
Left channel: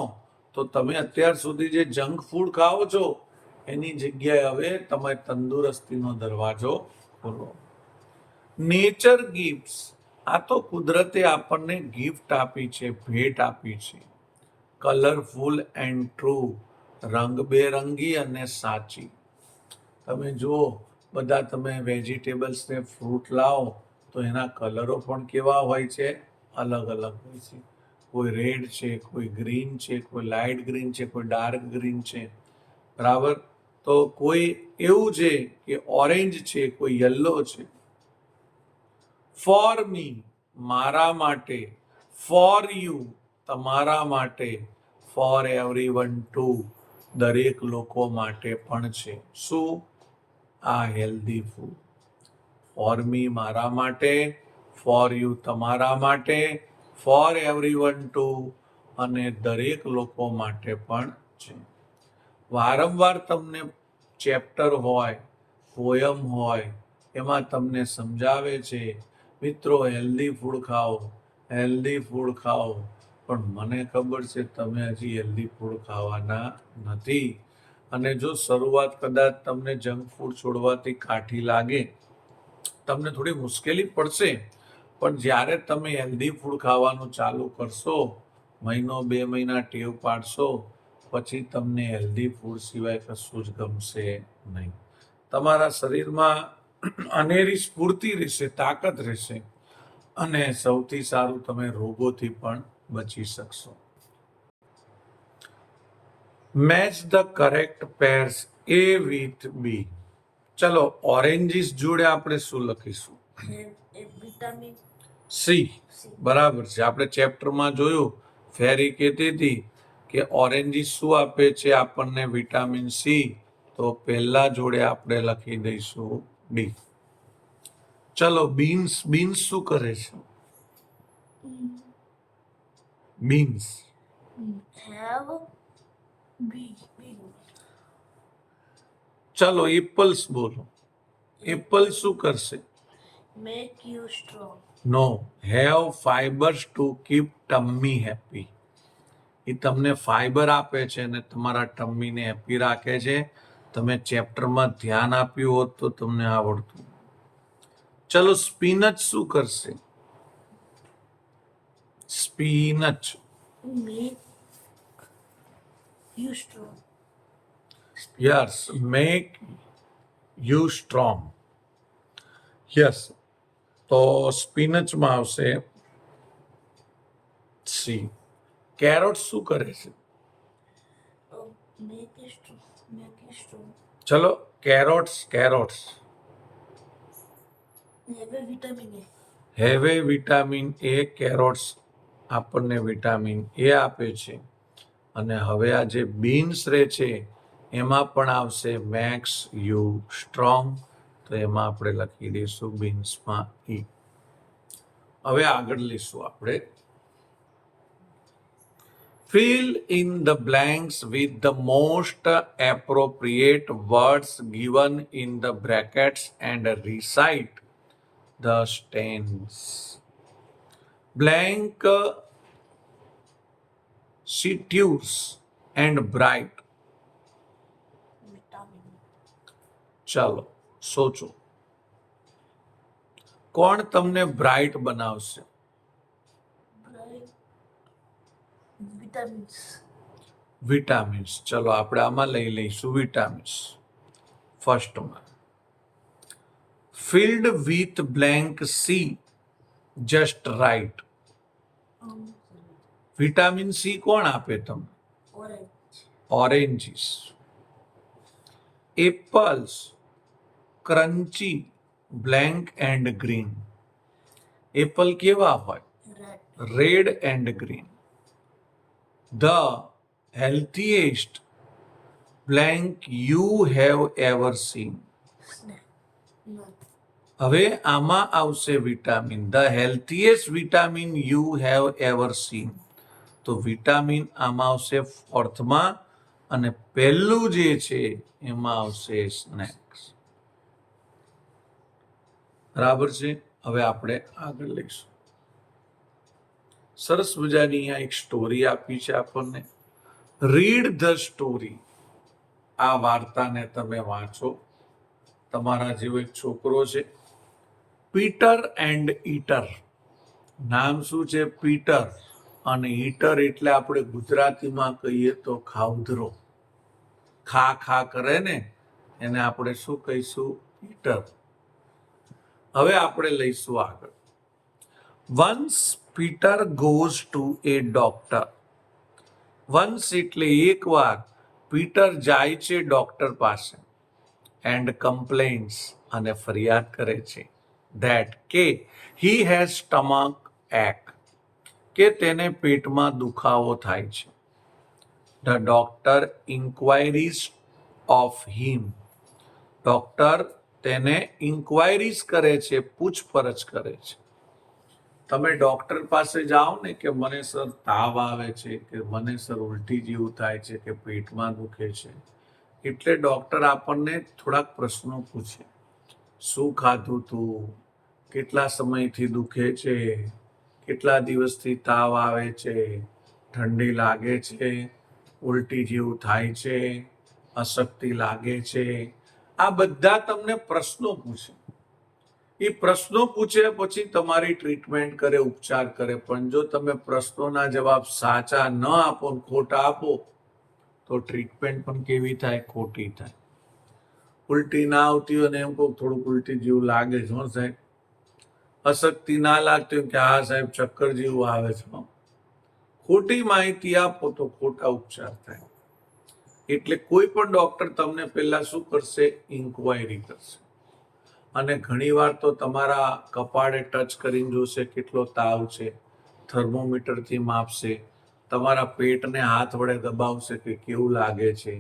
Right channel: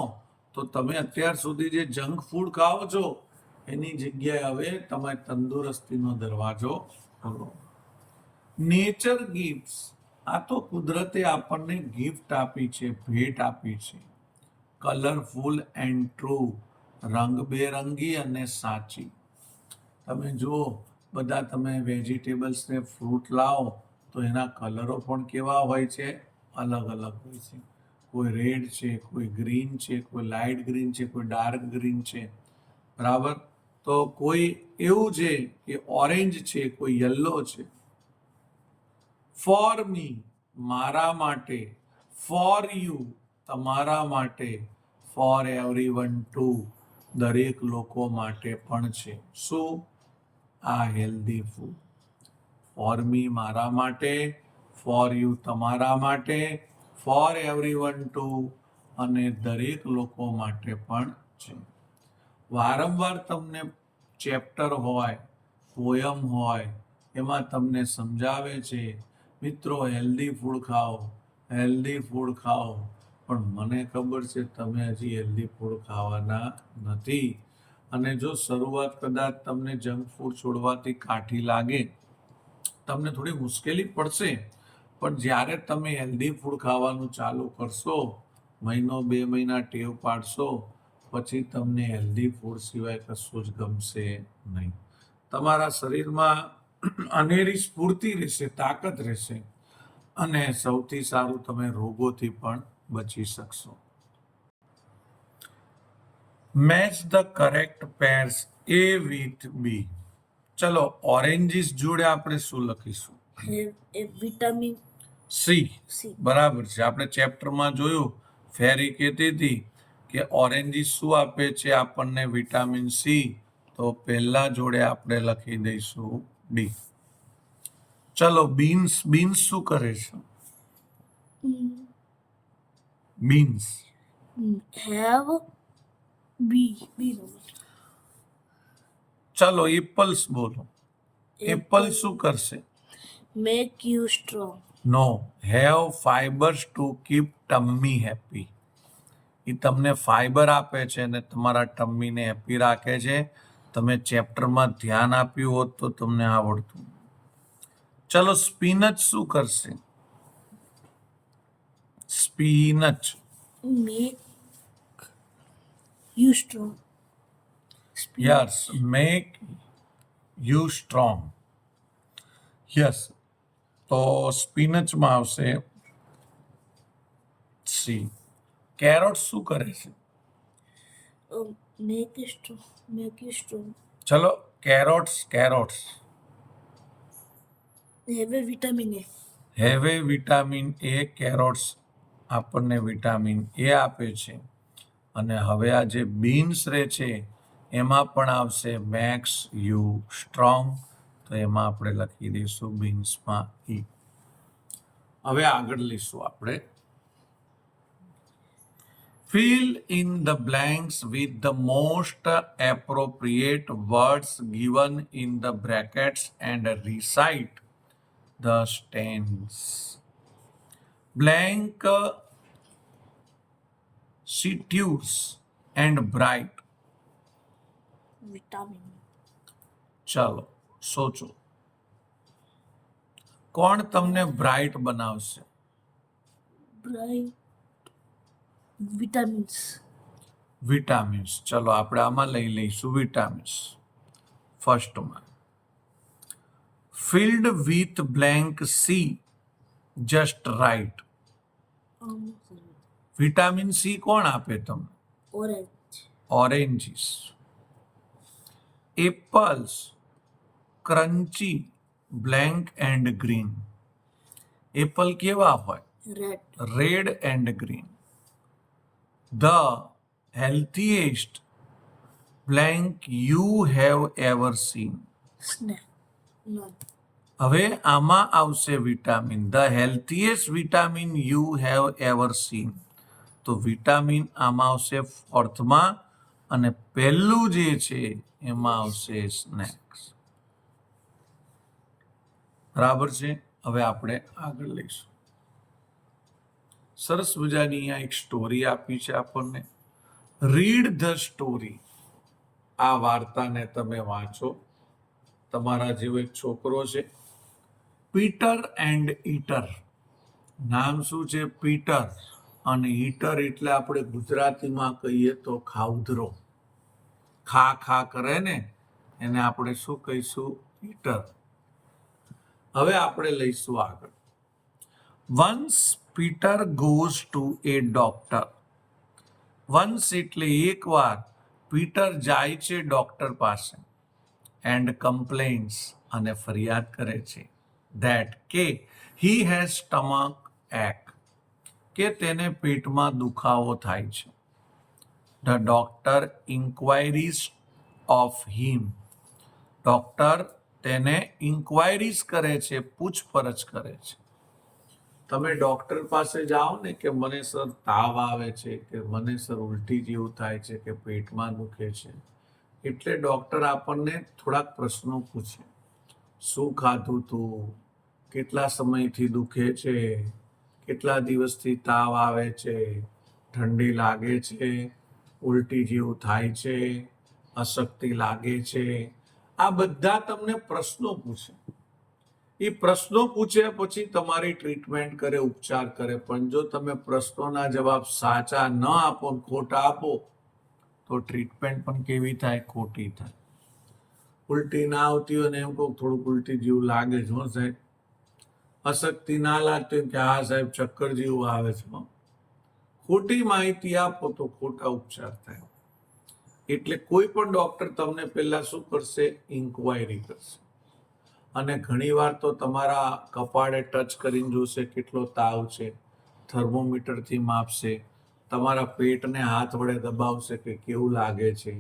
તો તમે અત્યાર સુધી જે જંક ફૂડ ખાઓ છો એની જગ્યાએ હવે તમે તંદુરસ્તીનો દરવાજો ખોલો. નેચર ગિફ્ટ્સ, આ તો કુદરતે આપણને ગિફ્ટ આપી છે, ભેટ આપી છે. કલરફુલ એન્ડ ટ્રુ, રંગબેરંગી અને સાચી. તમે જુઓ, બધા તમે વેજીટેબલ્સ ને ફ્રૂટ લાવો તો એના કલરો પણ કેવા હોય છે, અલગ અલગ હોય છે. કોઈ રેડ છે, કોઈ ગ્રીન છે, કોઈ લાઇટ ગ્રીન છે, કોઈ ડાર્ક ગ્રીન છે, બરાબર. તો કોઈ એવું છે કે ઓરેન્જ છે, કોઈ યલો છે. ફોર મી, મારા માટે. ફોર યુ, તમારા માટે. ફોર એવરીવન ટુ, દરેક લોકો માટે પણ છે. શું? આ હેલ્ધી ફૂડ. ફોર મી, મારા માટે. ફોર યુ, તમારા માટે. ફોર એવરીવન ટુ, અને દરેક લોકો માટે પણ છે. વારંવાર તમને ચેપ્ટર હોય, પોયમ હોય, એમાં તમને સમજાવે છે, મિત્રો હેલ્ધી ફૂડ ખાઓ, હેલ્ધી ફૂડ ખાઓ. પણ મને ખબર છે તમે હજી હેલ્ધી ફૂડ ખાવાના નથી. અને જો શરૂઆત કદાચ તમને જંક ફૂડ છોડવાથી કાઠી લાગે, તમને થોડી મુશ્કેલી પડશે, પણ જ્યારે તમે હેલ્ધી ફૂડ ખાવાનું ચાલુ કરશો, મહિનો 2 મહિના ટેવ પાડશો, પછી તમને હેલ્ધી ફૂડ સિવાય કશું જ ગમશે નહીં. તમારા શરીરમાં અનેરી સ્ફૂર્તિ રહેશે, તાકાત રહેશે, અને સૌથી સારું, તમે રોગોથી પણ બચી શકશો. Match the correct pairs A with B. ચલો, ઓરેન્જીસ જોડે આપણે શું લખીશું? Vitamin C. સી. બરાબર છે. આપણે ચેપ્ટરમાં જોયું, ફેરી કહેતી હતી કે ઓરેન્જીસ શું આપે છે આપણને? Vitamin C. તો પહેલા જોડે આપણે લખી દઈશું ડી. ચલો, બીન્સ. બીન્સ શું કરે છે? Beans have B. ચલો, એપલ્સ બોલો. એપલ શું કરશે? Make you strong. No. Have fibres to keep tummy happy. એ તમને ફાઈબર આપે છે અને તમારા ટમ્મીને હેપી રાખે છે. તમે ચેપ્ટરમાં ધ્યાન આપ્યું હોત તો તમને આવડતું. ચલો, સ્પિનચ શું કરશે? Spinach make you strong. Yes, make you strong. Yes. તો સ્પિનચમાં આવશે સી. કેરોટ શું કરે છે? Make you strong. ચલો, carrots. Have a vitamin A. Have a vitamin A. Carrots આપણને વિટામિન એ આપે છે. અને હવે આ જે બીન્સ રહે છે એમાં પણ આવશે મેક્સ યુ સ્ટ્રોંગ. તો એમાં આપણે લખી દઈશું બીન્સમાં ઈ. હવે આગળ લઈશું આપણે. Fill in the blanks with the most appropriate words given in the brackets and recite the stanzas. Blank, situous and bright. Vitamin. ચાલો, સોચો. કોણ તમને બ્રાઇટ બનાવશે? બ્રાઇટ. વિટામિન્સ. વિટામિન્સ. ચલો, આપણે આમાં લઈ લઈશું વિટામિન્સ ફર્સ્ટમાં. Filled with blank C just right. Vitamin C કોણ આપે તમને? Orange. Oranges. Apples crunchy, blank and green. Apple કેવા હોય? Red. Red and green. The healthiest blank you have ever seen. Snack. હવે આમાં આવશે vitamin. The healthiest vitamin you have ever seen. તો વિટામિન આમાં આવશે ફોર્થમાં, અને પહેલું જે છે એમાં આવશે સ્નેક્સ. બરાબર છે. હવે આપણે આગળ લઈશું. સરસ મજાની અહીંયા એક સ્ટોરી આપી છે આપણને. Read the story. આ વાર્તાને તમે વાંચો. તમારા જેવો એક છોકરો છે, પીટર એન્ડ ઈટર. નામ શું છે? પીટર. અને ઈટર એટલે આપણે ગુજરાતીમાં કહીએ તો ખાઉધરો. ખા ખા કરે ને એને આપણે શું કહીશું? ઈટર. હવે આપણે લઈશું આગળ. Once Peter goes to A doctor. Once એટલે એકવાર પીટર જાય છે ડોક્ટર પાસે એન્ડ કમ્પ્લેન્સ અને ફરિયાદ કરે છે ધેટ કે હી હેઝ સ્ટમક એક કે તેને પેટમાં દુખાવો થાય છે. The doctor inquiries of him. Doctor તેને ઇન્ક્વાયરીઝ કરે છે, પૂછપરછ કરે છે. તમે ડોક્ટર પાસે જાઓ ને કે મને સર તાવ આવે છે, કે મને સર ઉલટી જેવું થાય છે, કે પેટમાં દુખે છે, એટલે ડોક્ટર આપણને થોડાક પ્રશ્નો પૂછે. શું ખાધું તું? કેટલા સમયથી દુખે છે? કેટલા દિવસથી તાવ આવે છે? ઠંડી લાગે છે? ઉલટી જેવું થાય છે? અશક્તિ લાગે છે? આ બધા તમને પ્રશ્નો પૂછે. એ પ્રશ્નો પૂછે પછી તમારી ટ્રીટમેન્ટ કરે, ઉપચાર કરે. પણ જો તમે પ્રશ્નોના જવાબ સાચા ન આપો, ખોટા આપો, તો ટ્રીટમેન્ટ પણ કેવી થાય? ખોટી થાય. ઉલટી ના આવતી હોય ને એમ કહું થોડુંક ઉલટી જેવું લાગે છે હો સાહેબ. અશક્તિ ના લાગતી હોય કે હા સાહેબ ચક્કર જેવું આવે છે. ખોટી માહિતી આપો તો ખોટા ઉપચાર થાય. એટલે કોઈ પણ ડોક્ટર તમને પહેલા શું કરશે? ઇન્ક્વાયરી કરશે. અને ઘણીવાર તો તમારા કપાળે ટચ કરીને જોશે કેટલો તાવ છે, થર્મોમીટરથી માપશે, તમારા પેટને હાથ વડે દબાવશે કે કેવું લાગે છે,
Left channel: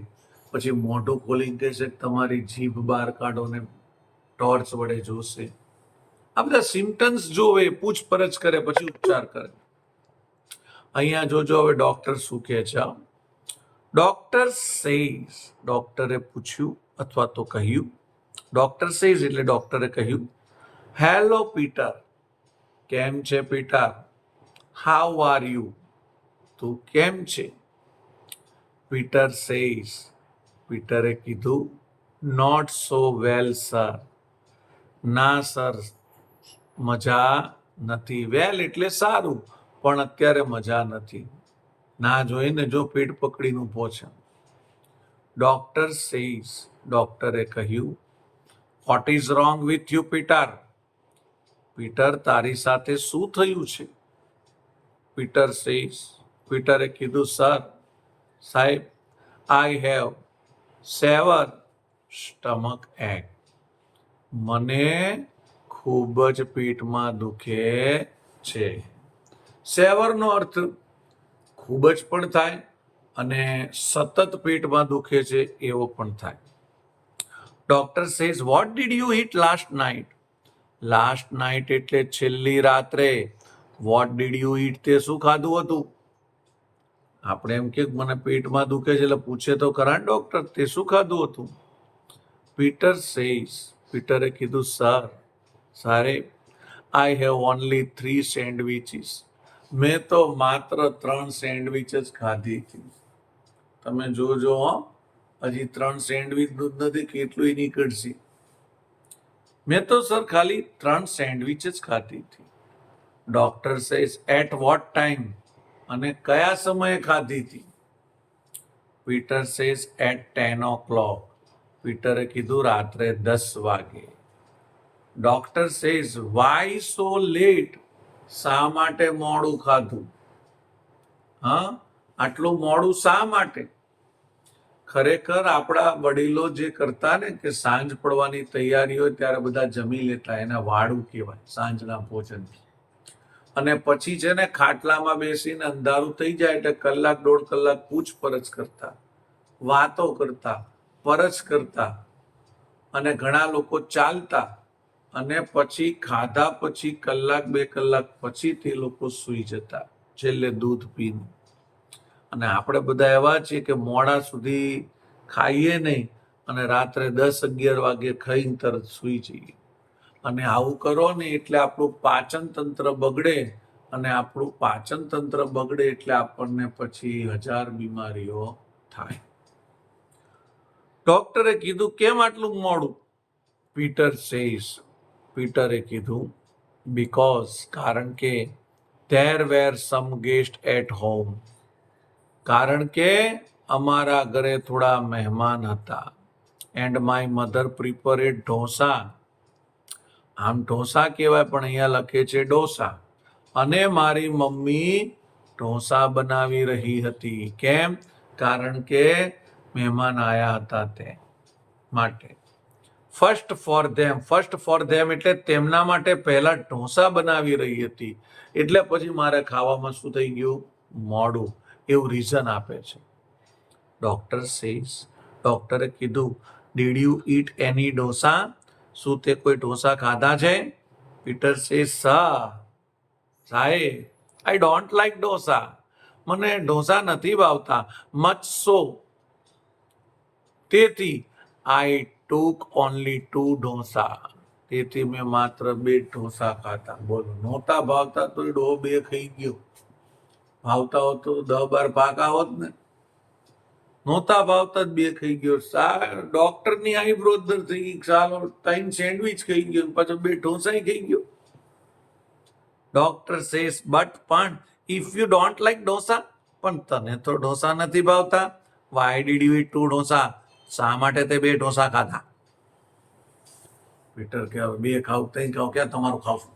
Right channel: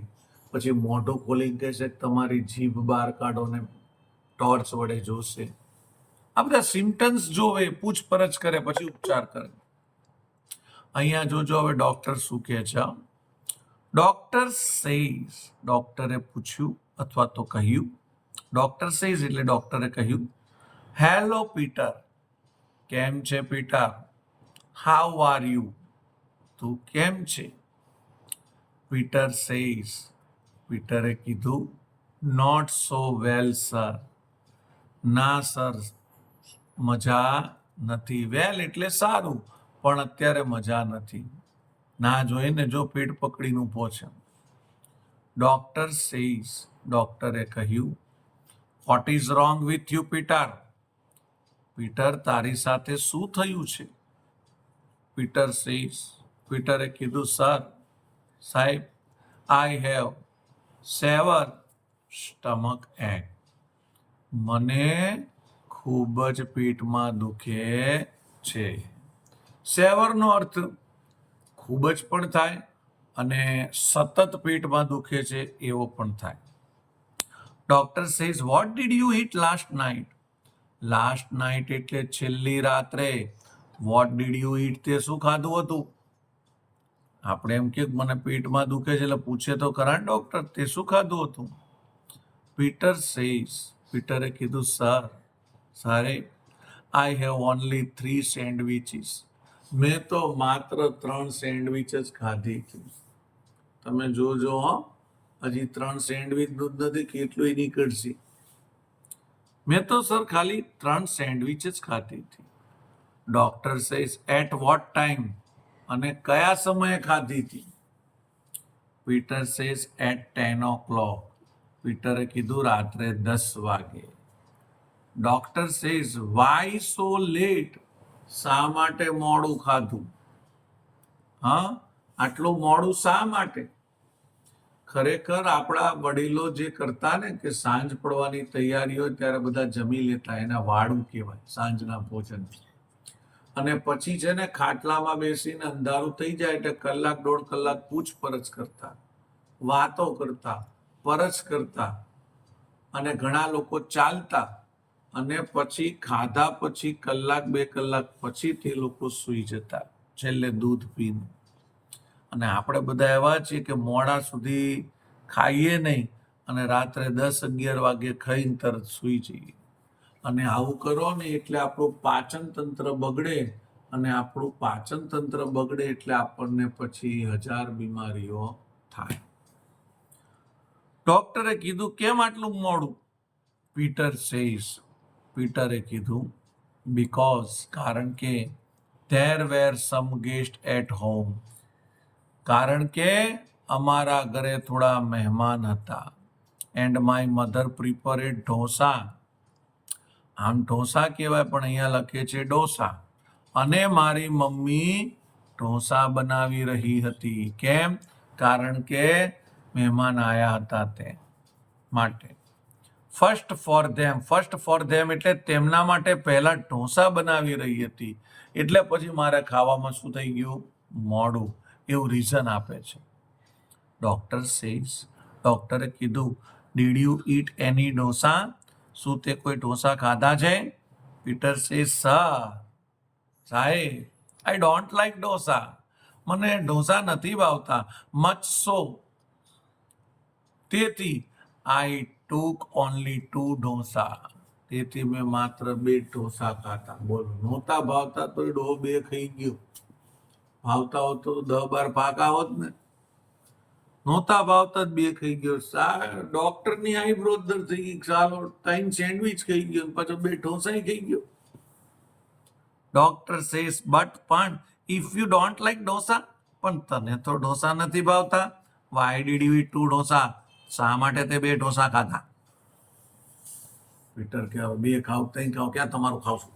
પછી મોઢું ખોલીને કહેશે કે તમારી જીભ બહાર કાઢો ને ટોર્ચ વડે જોશે. આ બધા સિમ્ટમ્સ જોવે, પૂછપરછ કરે, પછી ઉપચાર કરે. અહીંયા જોજો હવે ડોક્ટર શું કહે છે. Doctor says. ડોક્ટરે પૂછ્યું અથવા તો કહ્યું. ડોક્ટર સેઝ એટલે ડોક્ટરે કહ્યું, હેલો પીટર. કેમ છે પીટર? How are you? તું કેમ છે? Peter says. પીટરે કીધું, નોટ સો વેલ સર. ના સર, મજા નથી. વેલ એટલે સારું, પણ અત્યારે મજા નથી. ના જોઈને જો પેટ પકડીને ઊભો છે. Doctor says. ડોક્ટરે કહ્યું, what is wrong with you Peter? Peter, તારી સાથે શું થયું છે? Peter says. પીટરે કીધું, સર, સાહેબ, આઈ હેવ સેવર સ્ટમક એક. મને ખૂબ જ પેટમાં દુખે છે. સેવરનો અર્થ ખૂબ જ પણ થાય અને સતત પેટમાં દુખે છે એવો પણ થાય. Doctor says, what did you it last night? Last night એટલે છેલ્લી રાત્રે. વોટ ડીડ યુ ઈટ તે શું ખાધું હતું? આપણે એમ કે મને પેટમાં દુખે છે એટલે પૂછે તો ખરા ડોક્ટર તે શું ખાધું હતું? Peter says. પીટરે કીધું, સર, સાહેબ, આઈ હેવ ઓનલી 3 સેન્ડવિચીસ. મેં તો માત્ર 3 સેન્ડવિચ જ ખાધી હતી. તમે જોજો હો, હજી 3 સેન્ડવિચનું જ નથી, કેટલું નીકળશે. મેં તો સર ખાલી 3 સેન્ડવિચ જ ખાધી હતી. Doctor says, at what time? અને કયા સમયે ખાધી હતી? Peter says, at 10 o'clock. પીટરે કીધું, રાત્રે 10 વાગે. Doctor says, why so late? શા માટે મોડું ખાધું? હા, આટલું મોડું શા માટે? ખરેખર આપણા વડીલો જે કરતા ને કે સાંજ પડવાની તૈયારી હોય ત્યારે બધા જમી લેતા, એના વાળું કહેવાય, સાંજના ભોજન. અને પછી છે ને ખાટલામાં બેસીને અંધારું થઈ જાય એટલે કલાક 1.5 કલાક પૂછપરછ કરતા, વાતો કરતા, પરછ કરતા, અને ઘણા લોકો ચાલતા, અને પછી ખાધા પછી કલાક 2 કલાક પછી તે લોકો સૂઈ જતા, છેલ્લે દૂધ પીને. અને આપણે બધા એવા છીએ કે મોડા સુધી ખાઈએ નહીં અને રાત્રે 10-11 વાગે ખાઈને તરત સૂઈ જઈએ. અને આવું કરો ને એટલે આપણું પાચન તંત્ર બગડે, અને આપણું પાચન તંત્ર બગડે એટલે આપણને પછી 1000 બીમારીઓ થાય. ડોક્ટરે કીધું, કેમ આટલું મોડું? Peter says. પીટરે કીધું બીકોઝ કારણ કે there were some guests at home કારણ કે અમારા ઘરે થોડા મહેમાન હતા એન્ડ માય મધર પ્રિપેરેડ ઢોસા આમ ઢોસા કહેવાય પણ અહીંયા લખે છે ડોસા અને મારી મમ્મી ઢોસા બનાવી રહી હતી કેમ કારણ કે મહેમાન આવ્યા હતા તે માટે ફર્સ્ટ ફોર ધેમ એટલે તેમના માટે પહેલા ઢોસા બનાવી રહી હતી એટલે પછી મારે ખાવામાં શું થઈ ગયું મોડું એવું રીઝન આપે છે ડોક્ટરે કીધું ડીડ યુ ઈટ એની ઢોસા શું તે કોઈ ઢોસા ખાધા છે પીટર સેઝ સાહેબ આઈ ડોન્ટ લાઈક ઢોસા મને ઢોસા નથી ભાવતા મચ સો તેથી આઈ ટુક ઓનલી 2 ઢોસા તેથી મેં માત્ર 2 ઢોસા ખાધા બોલો નહોતા ભાવતા તો ડો 2 ખાઈ ગયો ભાવતા હોત તો 10-12 પાકા હોત ને નહોતા ભાવતા જ 2 ખાઈ ગયો ડોક્ટરની આઈબ્રો દર થઈ ગઈ ચાલો 3 સેન્ડવિચ ખાઈ ગયો પાછો 2 ઢોસા ખાઈ ગયો ડોક્ટર સેઝ બટ પણ if you don't like dosa પણ તને તો ઢોસા નથી ભાવતા why did you eat 2 dosa શા માટે તે 2 ઢોસા ખાધા પીટર કે હવે 2 ખાવ તઈ ખાવ ક્યાં તમારું ખાવશું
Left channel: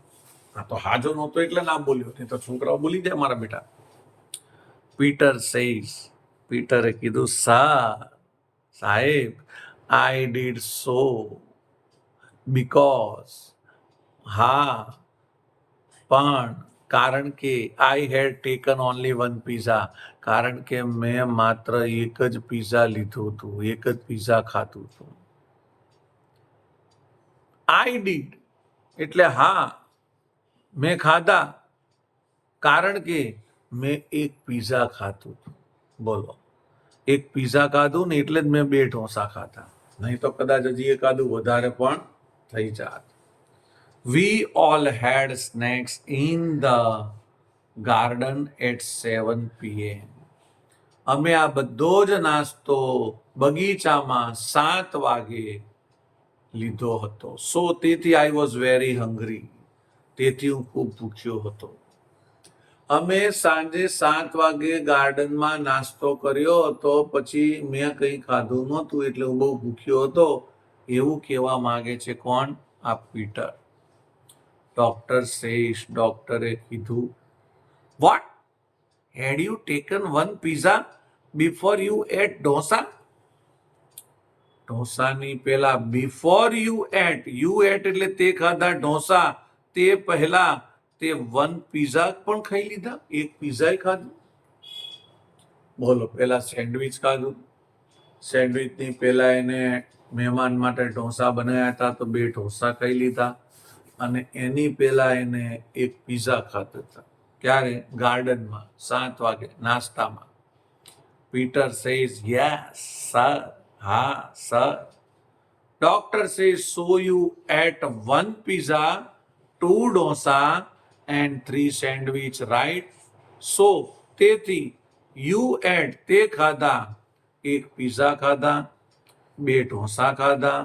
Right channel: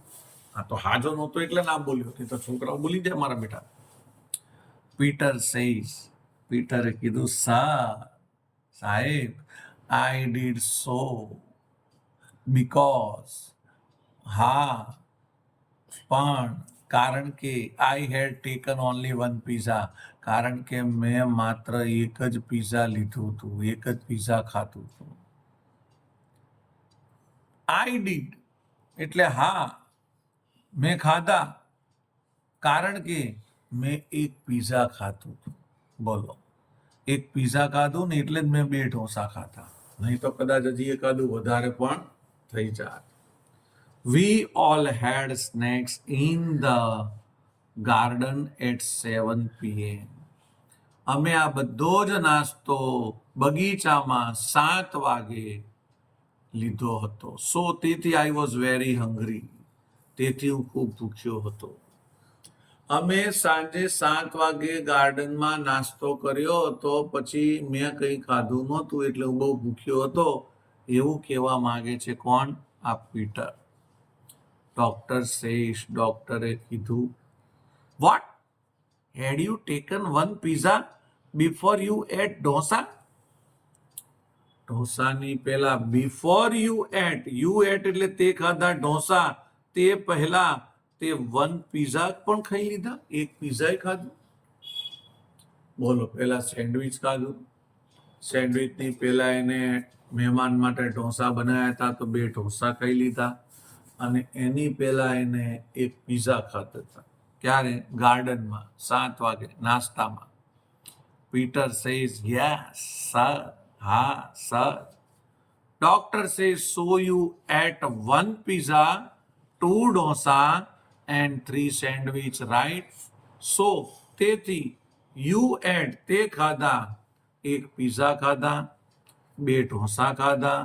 આ તો હાજો નહોતો એટલે ના બોલ્યો નહીં તો છોકરાઓ બોલી જાય મારા બેટા પીટરે કીધું સાહેબ આઈ ડીડ સો બીકોઝ હા પણ કારણ કે આઈ હેડ ટેકન ઓનલી 1 પીઝા કારણ કે મેં માત્ર એક જ પીઝા લીધું હતું એક જ પીઝા ખાધું હતું આઈ ડીડ એટલે હા મેં ખાધા કારણ કે મેં એક પીઝા ખાધું હતું બોલો એક પીઝા ખાધું ને એટલે જ મેં 2 ઢોસા ખાધા નહીં તો કદાચ હજી એકાદું વધારે પણ થઈ જાત We all had snacks in the garden at 7 p.m. અમે આ બધો જ નાસ્તો બગીચામાં 7 વાગે લીધો હતો સો તેથી આઈ વોઝ વેરી હંગ્રી તેથી હું ખૂબ ભૂખ્યો હતો અમે સાંજે 7 વાગે ગાર્ડનમાં નાસ્તો કર્યો હતો પછી મેં કંઈ ખાધું નહોતું એટલે હું બહુ ભૂખ્યો હતો એવું કહેવા માંગે છે કોણ આ પીટર ડોક્ટરે કીધું what had you taken 1 pizza before you ate ઢોસાની પહેલા બિફોર યુ એટ એટલે તે ખાધા ઢોસા તે પહેલા તે 1 પીઝા પણ ખાઈ લીધા એક પીઝા ખાધું બોલો પહેલા સેન્ડવિચ ખાધું સેન્ડવિચની પહેલા એને મહેમાન માટે ઢોસા બનાવ્યા હતા તો 2 ઢોસા ખાઈ લીધા અને એની પહેલા એને એક પીઝા ખાધા હતા ક્યારે ગાર્ડનમાં 7 વાગે નાસ્તામાં પીટર સેઝ યસ સર હા sir doctor says so you ate 1 pizza 2 dosa and 3 sandwich right so તેથી યુ એટ તે ખાધા એક પીઝા ખાધા 2 ઢોસા ખાધા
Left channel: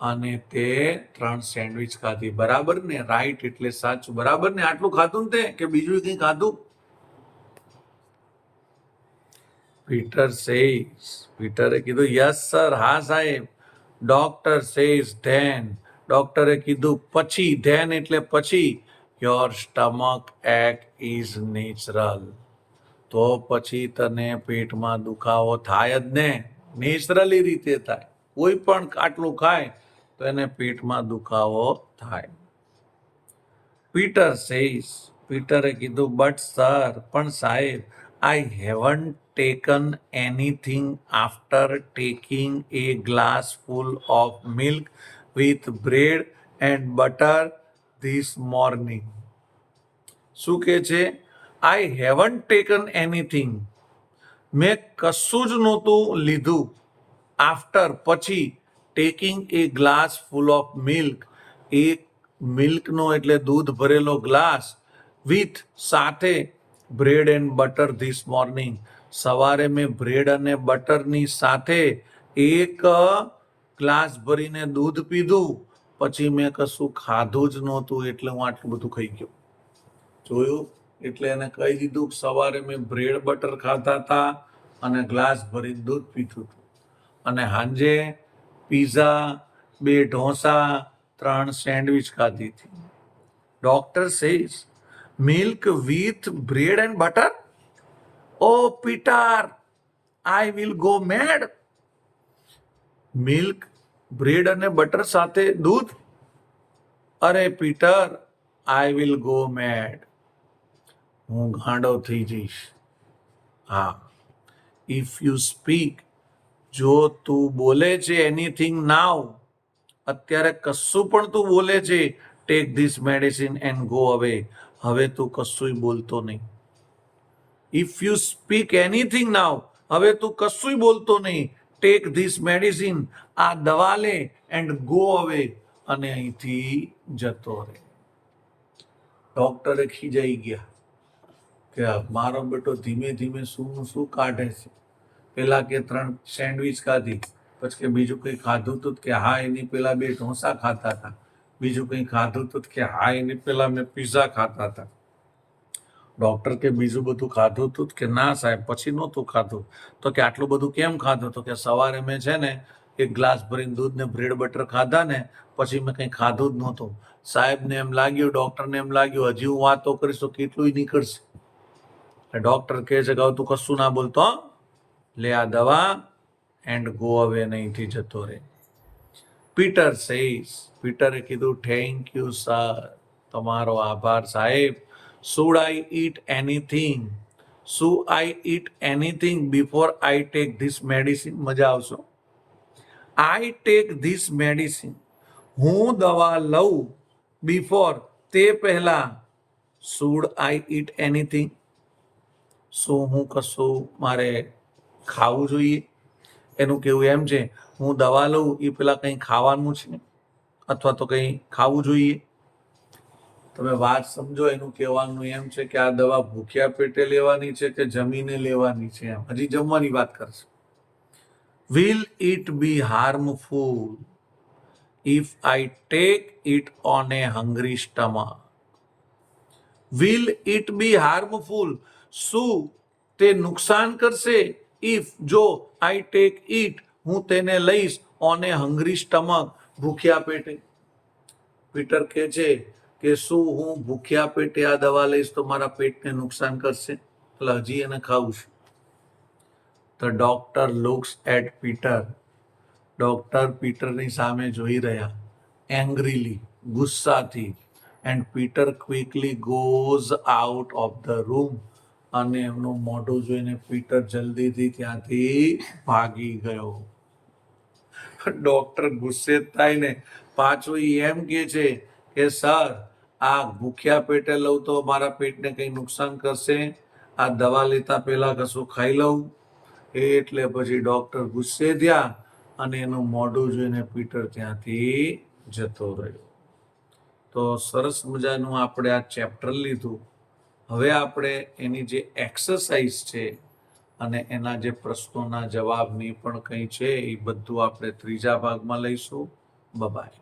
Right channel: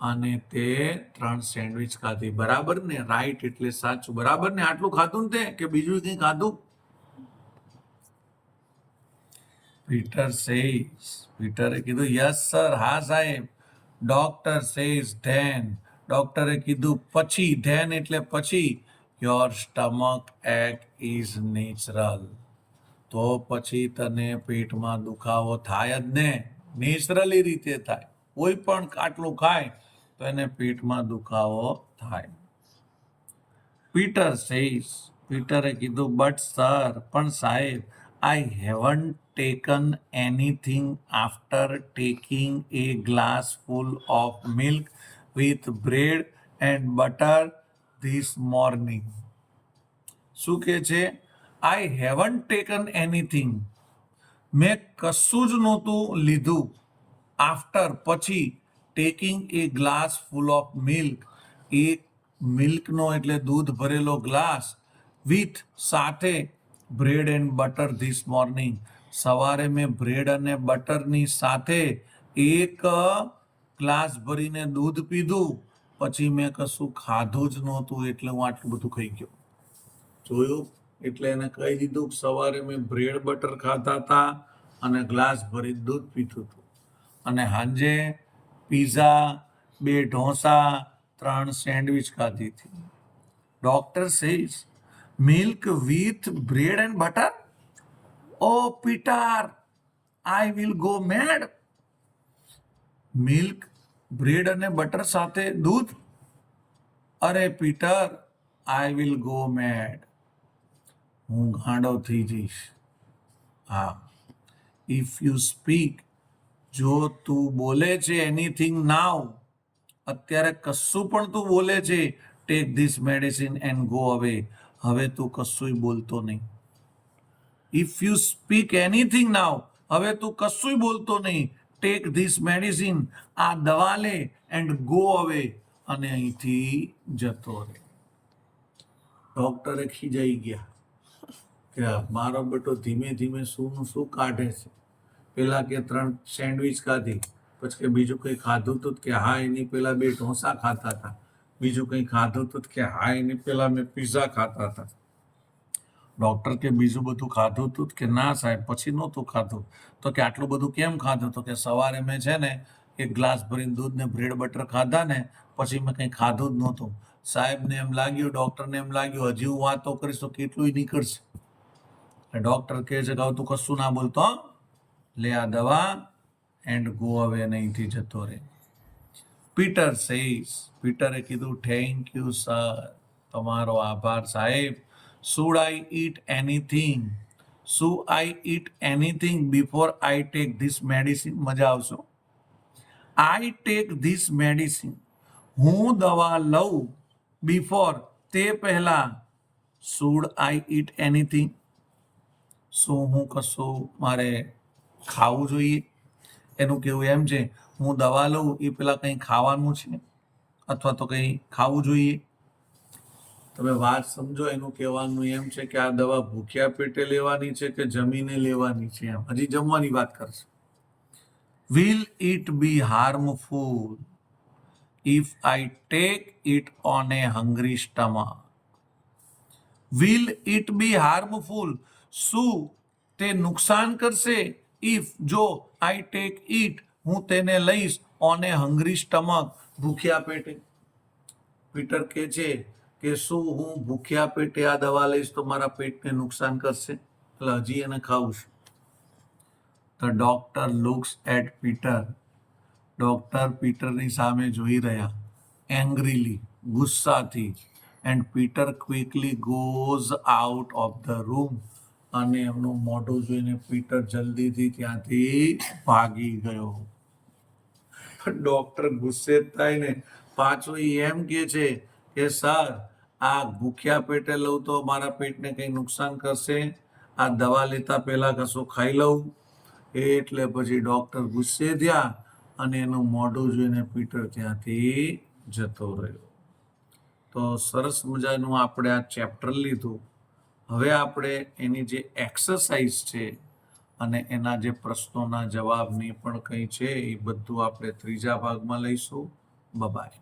અને તે 3 સેન્ડવિચ ખાધી બરાબર ને રાઈટ એટલે સાચું બરાબર ને આટલું ખાધું ને તે કે બીજું કંઈ ખાધું પીટરે કીધું યસ સર હા સાહેબ ડોક્ટર સેઝ ધેન ડોક્ટરે કીધું પછી ધેન એટલે પછી યોર સ્ટમક એક ઇઝ નેચરલ તો પછી તને પેટમાં દુખાવો થાય જ ને નેચરલી રીતે થાય કોઈ પણ આટલું ખાય તો એને પેટમાં દુખાવો થાય પીટરે કીધું બટ સર પણ સાહેબ I haven't taken anything after taking a glass full of milk with bread and butter this morning શું કે છે આઈ હેવન્ટ ટેકન એનીથિંગ મેં કશું જ નહોતું લીધું આફ્ટર પછી taking a glass full of milk એક મિલ્કનો એટલે દૂધ ભરેલો ગ્લાસ વિથ સાથે bread and butter this morning સવારે મેં બ્રેડ અને બટરની સાથે એક ગ્લાસ ભરીને દૂધ પીધું પછી મેં કશું ખાધું જ નહોતું એટલે હું આટલું બધું ખાઈ ગયો. જોયું? એટલે એને કહી દીધું કે સવારે મેં બ્રેડ બટર ખાતા હતા અને ગ્લાસ ભરી દૂધ પીધું હતું, અને સાંજે પીઝા, 2 ઢોસા, 3 સેન્ડવિચ ખાધી હતી. Doctor says milk with bread and butter? Oh Peter, I will go mad. Milk, bread અને બટર સાથે દૂધ? અરે Peter, I will go mad. હું ગાંડો થઈ જઈશ. હા. ઇફ યુ સ્પીક, જો તું બોલે છે એનીથિંગ નાવ, અત્યારે કશું પણ તું બોલે છે, tech this medicine and go અવે, હવે તું કશુંય બોલતો નહીં. ઇફ યુ સ્પીક એનીથિંગ નાવ, હવે તું કશુંય બોલતો નહીં, ટેક ધીસ મેડિસિન, આ દવા લે, એન્ડ ગો અવે, અને અહીંથી જતો રહે. ડોક્ટરે ખીજાઈ ગયા કે મારો બેટો ધીમે ધીમે શું કાઢે છે. પેલા કે 3 સેન્ડવિચ ખાધી, પછી કે બીજું કંઈ ખાધું હતું કે હા એની પેલા 2 ઢોસા ખાતા હતા, બીજું કંઈ ખાધું હતું કે હા એની પેલા મેં પિઝા ખાતા હતા. ડોક્ટર કે બીજું બધું ખાધું હતું કે ના સાહેબ પછી નહોતું ખાધું. તો કે આટલું બધું કેમ ખાધું? તો કે સવારે મેં છે ને 1 ગ્લાસ ભરીને દૂધ ને બ્રેડ બટર ખાધા ને પછી મેં કંઈ ખાધું જ નહોતું. સાહેબને એમ લાગ્યું, ડોક્ટરને એમ લાગ્યું હજી હું વાતો કરીશ તો કેટલું નીકળશે. ડોક્ટર કહે છે કે હવે તું કશું ના બોલતો, લે આ દવા એન્ડ ગો અવે, અહીંથી જતો રહે. પીટર સેઝ, પીટરે કીધું થેન્ક યુ સર, તમારો આભાર સાહેબ. Should I eat anything? શું I eat anything before I take this medicine? મજા આવશો. આઈ ટેક ધીસ મેડિસિન, હું દવા લઉં, બિફોર તે પહેલા, શુડ આઈ ઈટ એનીથિંગ? શું હું કશું મારે ખાવું જોઈએ? એનું કેવું એમ છે હું દવા લઉં એ પેલા કંઈ ખાવાનું છે અથવા તો કંઈ ખાવું જોઈએ. તમે વાત સમજો. એનું કહેવાનું એમ છે કે આ દવા ભૂખ્યા પેટે લેવાની છે કે જમીને લેવાની છે, એમ હજી જમવાની વાત કરશે. Will it be harmful if I take it on A hungry stomach? Will it be harmful, શું તે નુકસાન કરશે? ઇફ, જો, આઈ ટેક ઇટ, હું તેને લઈશ, ઓન એ હંગ્રી સ્ટમક, ભૂખ્યા પેટે. પીટર કહે છે કે શું હું ભૂખ્યા પેટે આ દવા લઈશ તો મારા પેટને નુકસાન કરશે? એટલે હજી એને ખાવું છે. The doctor looks at Peter, doctor પીટરની સામે જોઈ રહ્યા, એંગ્રીલી, ગુસ્સાથી. And Peter quickly goes out of the room, અને એમનું મોઢું જોઈને પીટર જલ્દીથી ત્યાંથી ભાગી ગયો. ડોક્ટર ગુસ્સે થાય ને પાછું એમ કે છે કે સર, આ ભૂખ્યા પેટે લઉં તો મારા પેટને કંઈ નુકસાન કરશે? આ દવા લેતા પહેલા કશું ખાઈ લઉં? એટલે પછી ડોક્ટર ગુસ્સે થયા અને એનું મોઢું જોઈને પીટર ત્યાંથી જતો રહ્યો. તો સરસ મજાનું આપણે આ ચેપ્ટર લીધું. હવે આપણે એની જે એક્સરસાઇઝ છે અને એના જે પ્રશ્નોના જવાબની પણ કંઈ છે એ બધું આપણે ત્રીજા ભાગમાં લઈશું. બાય.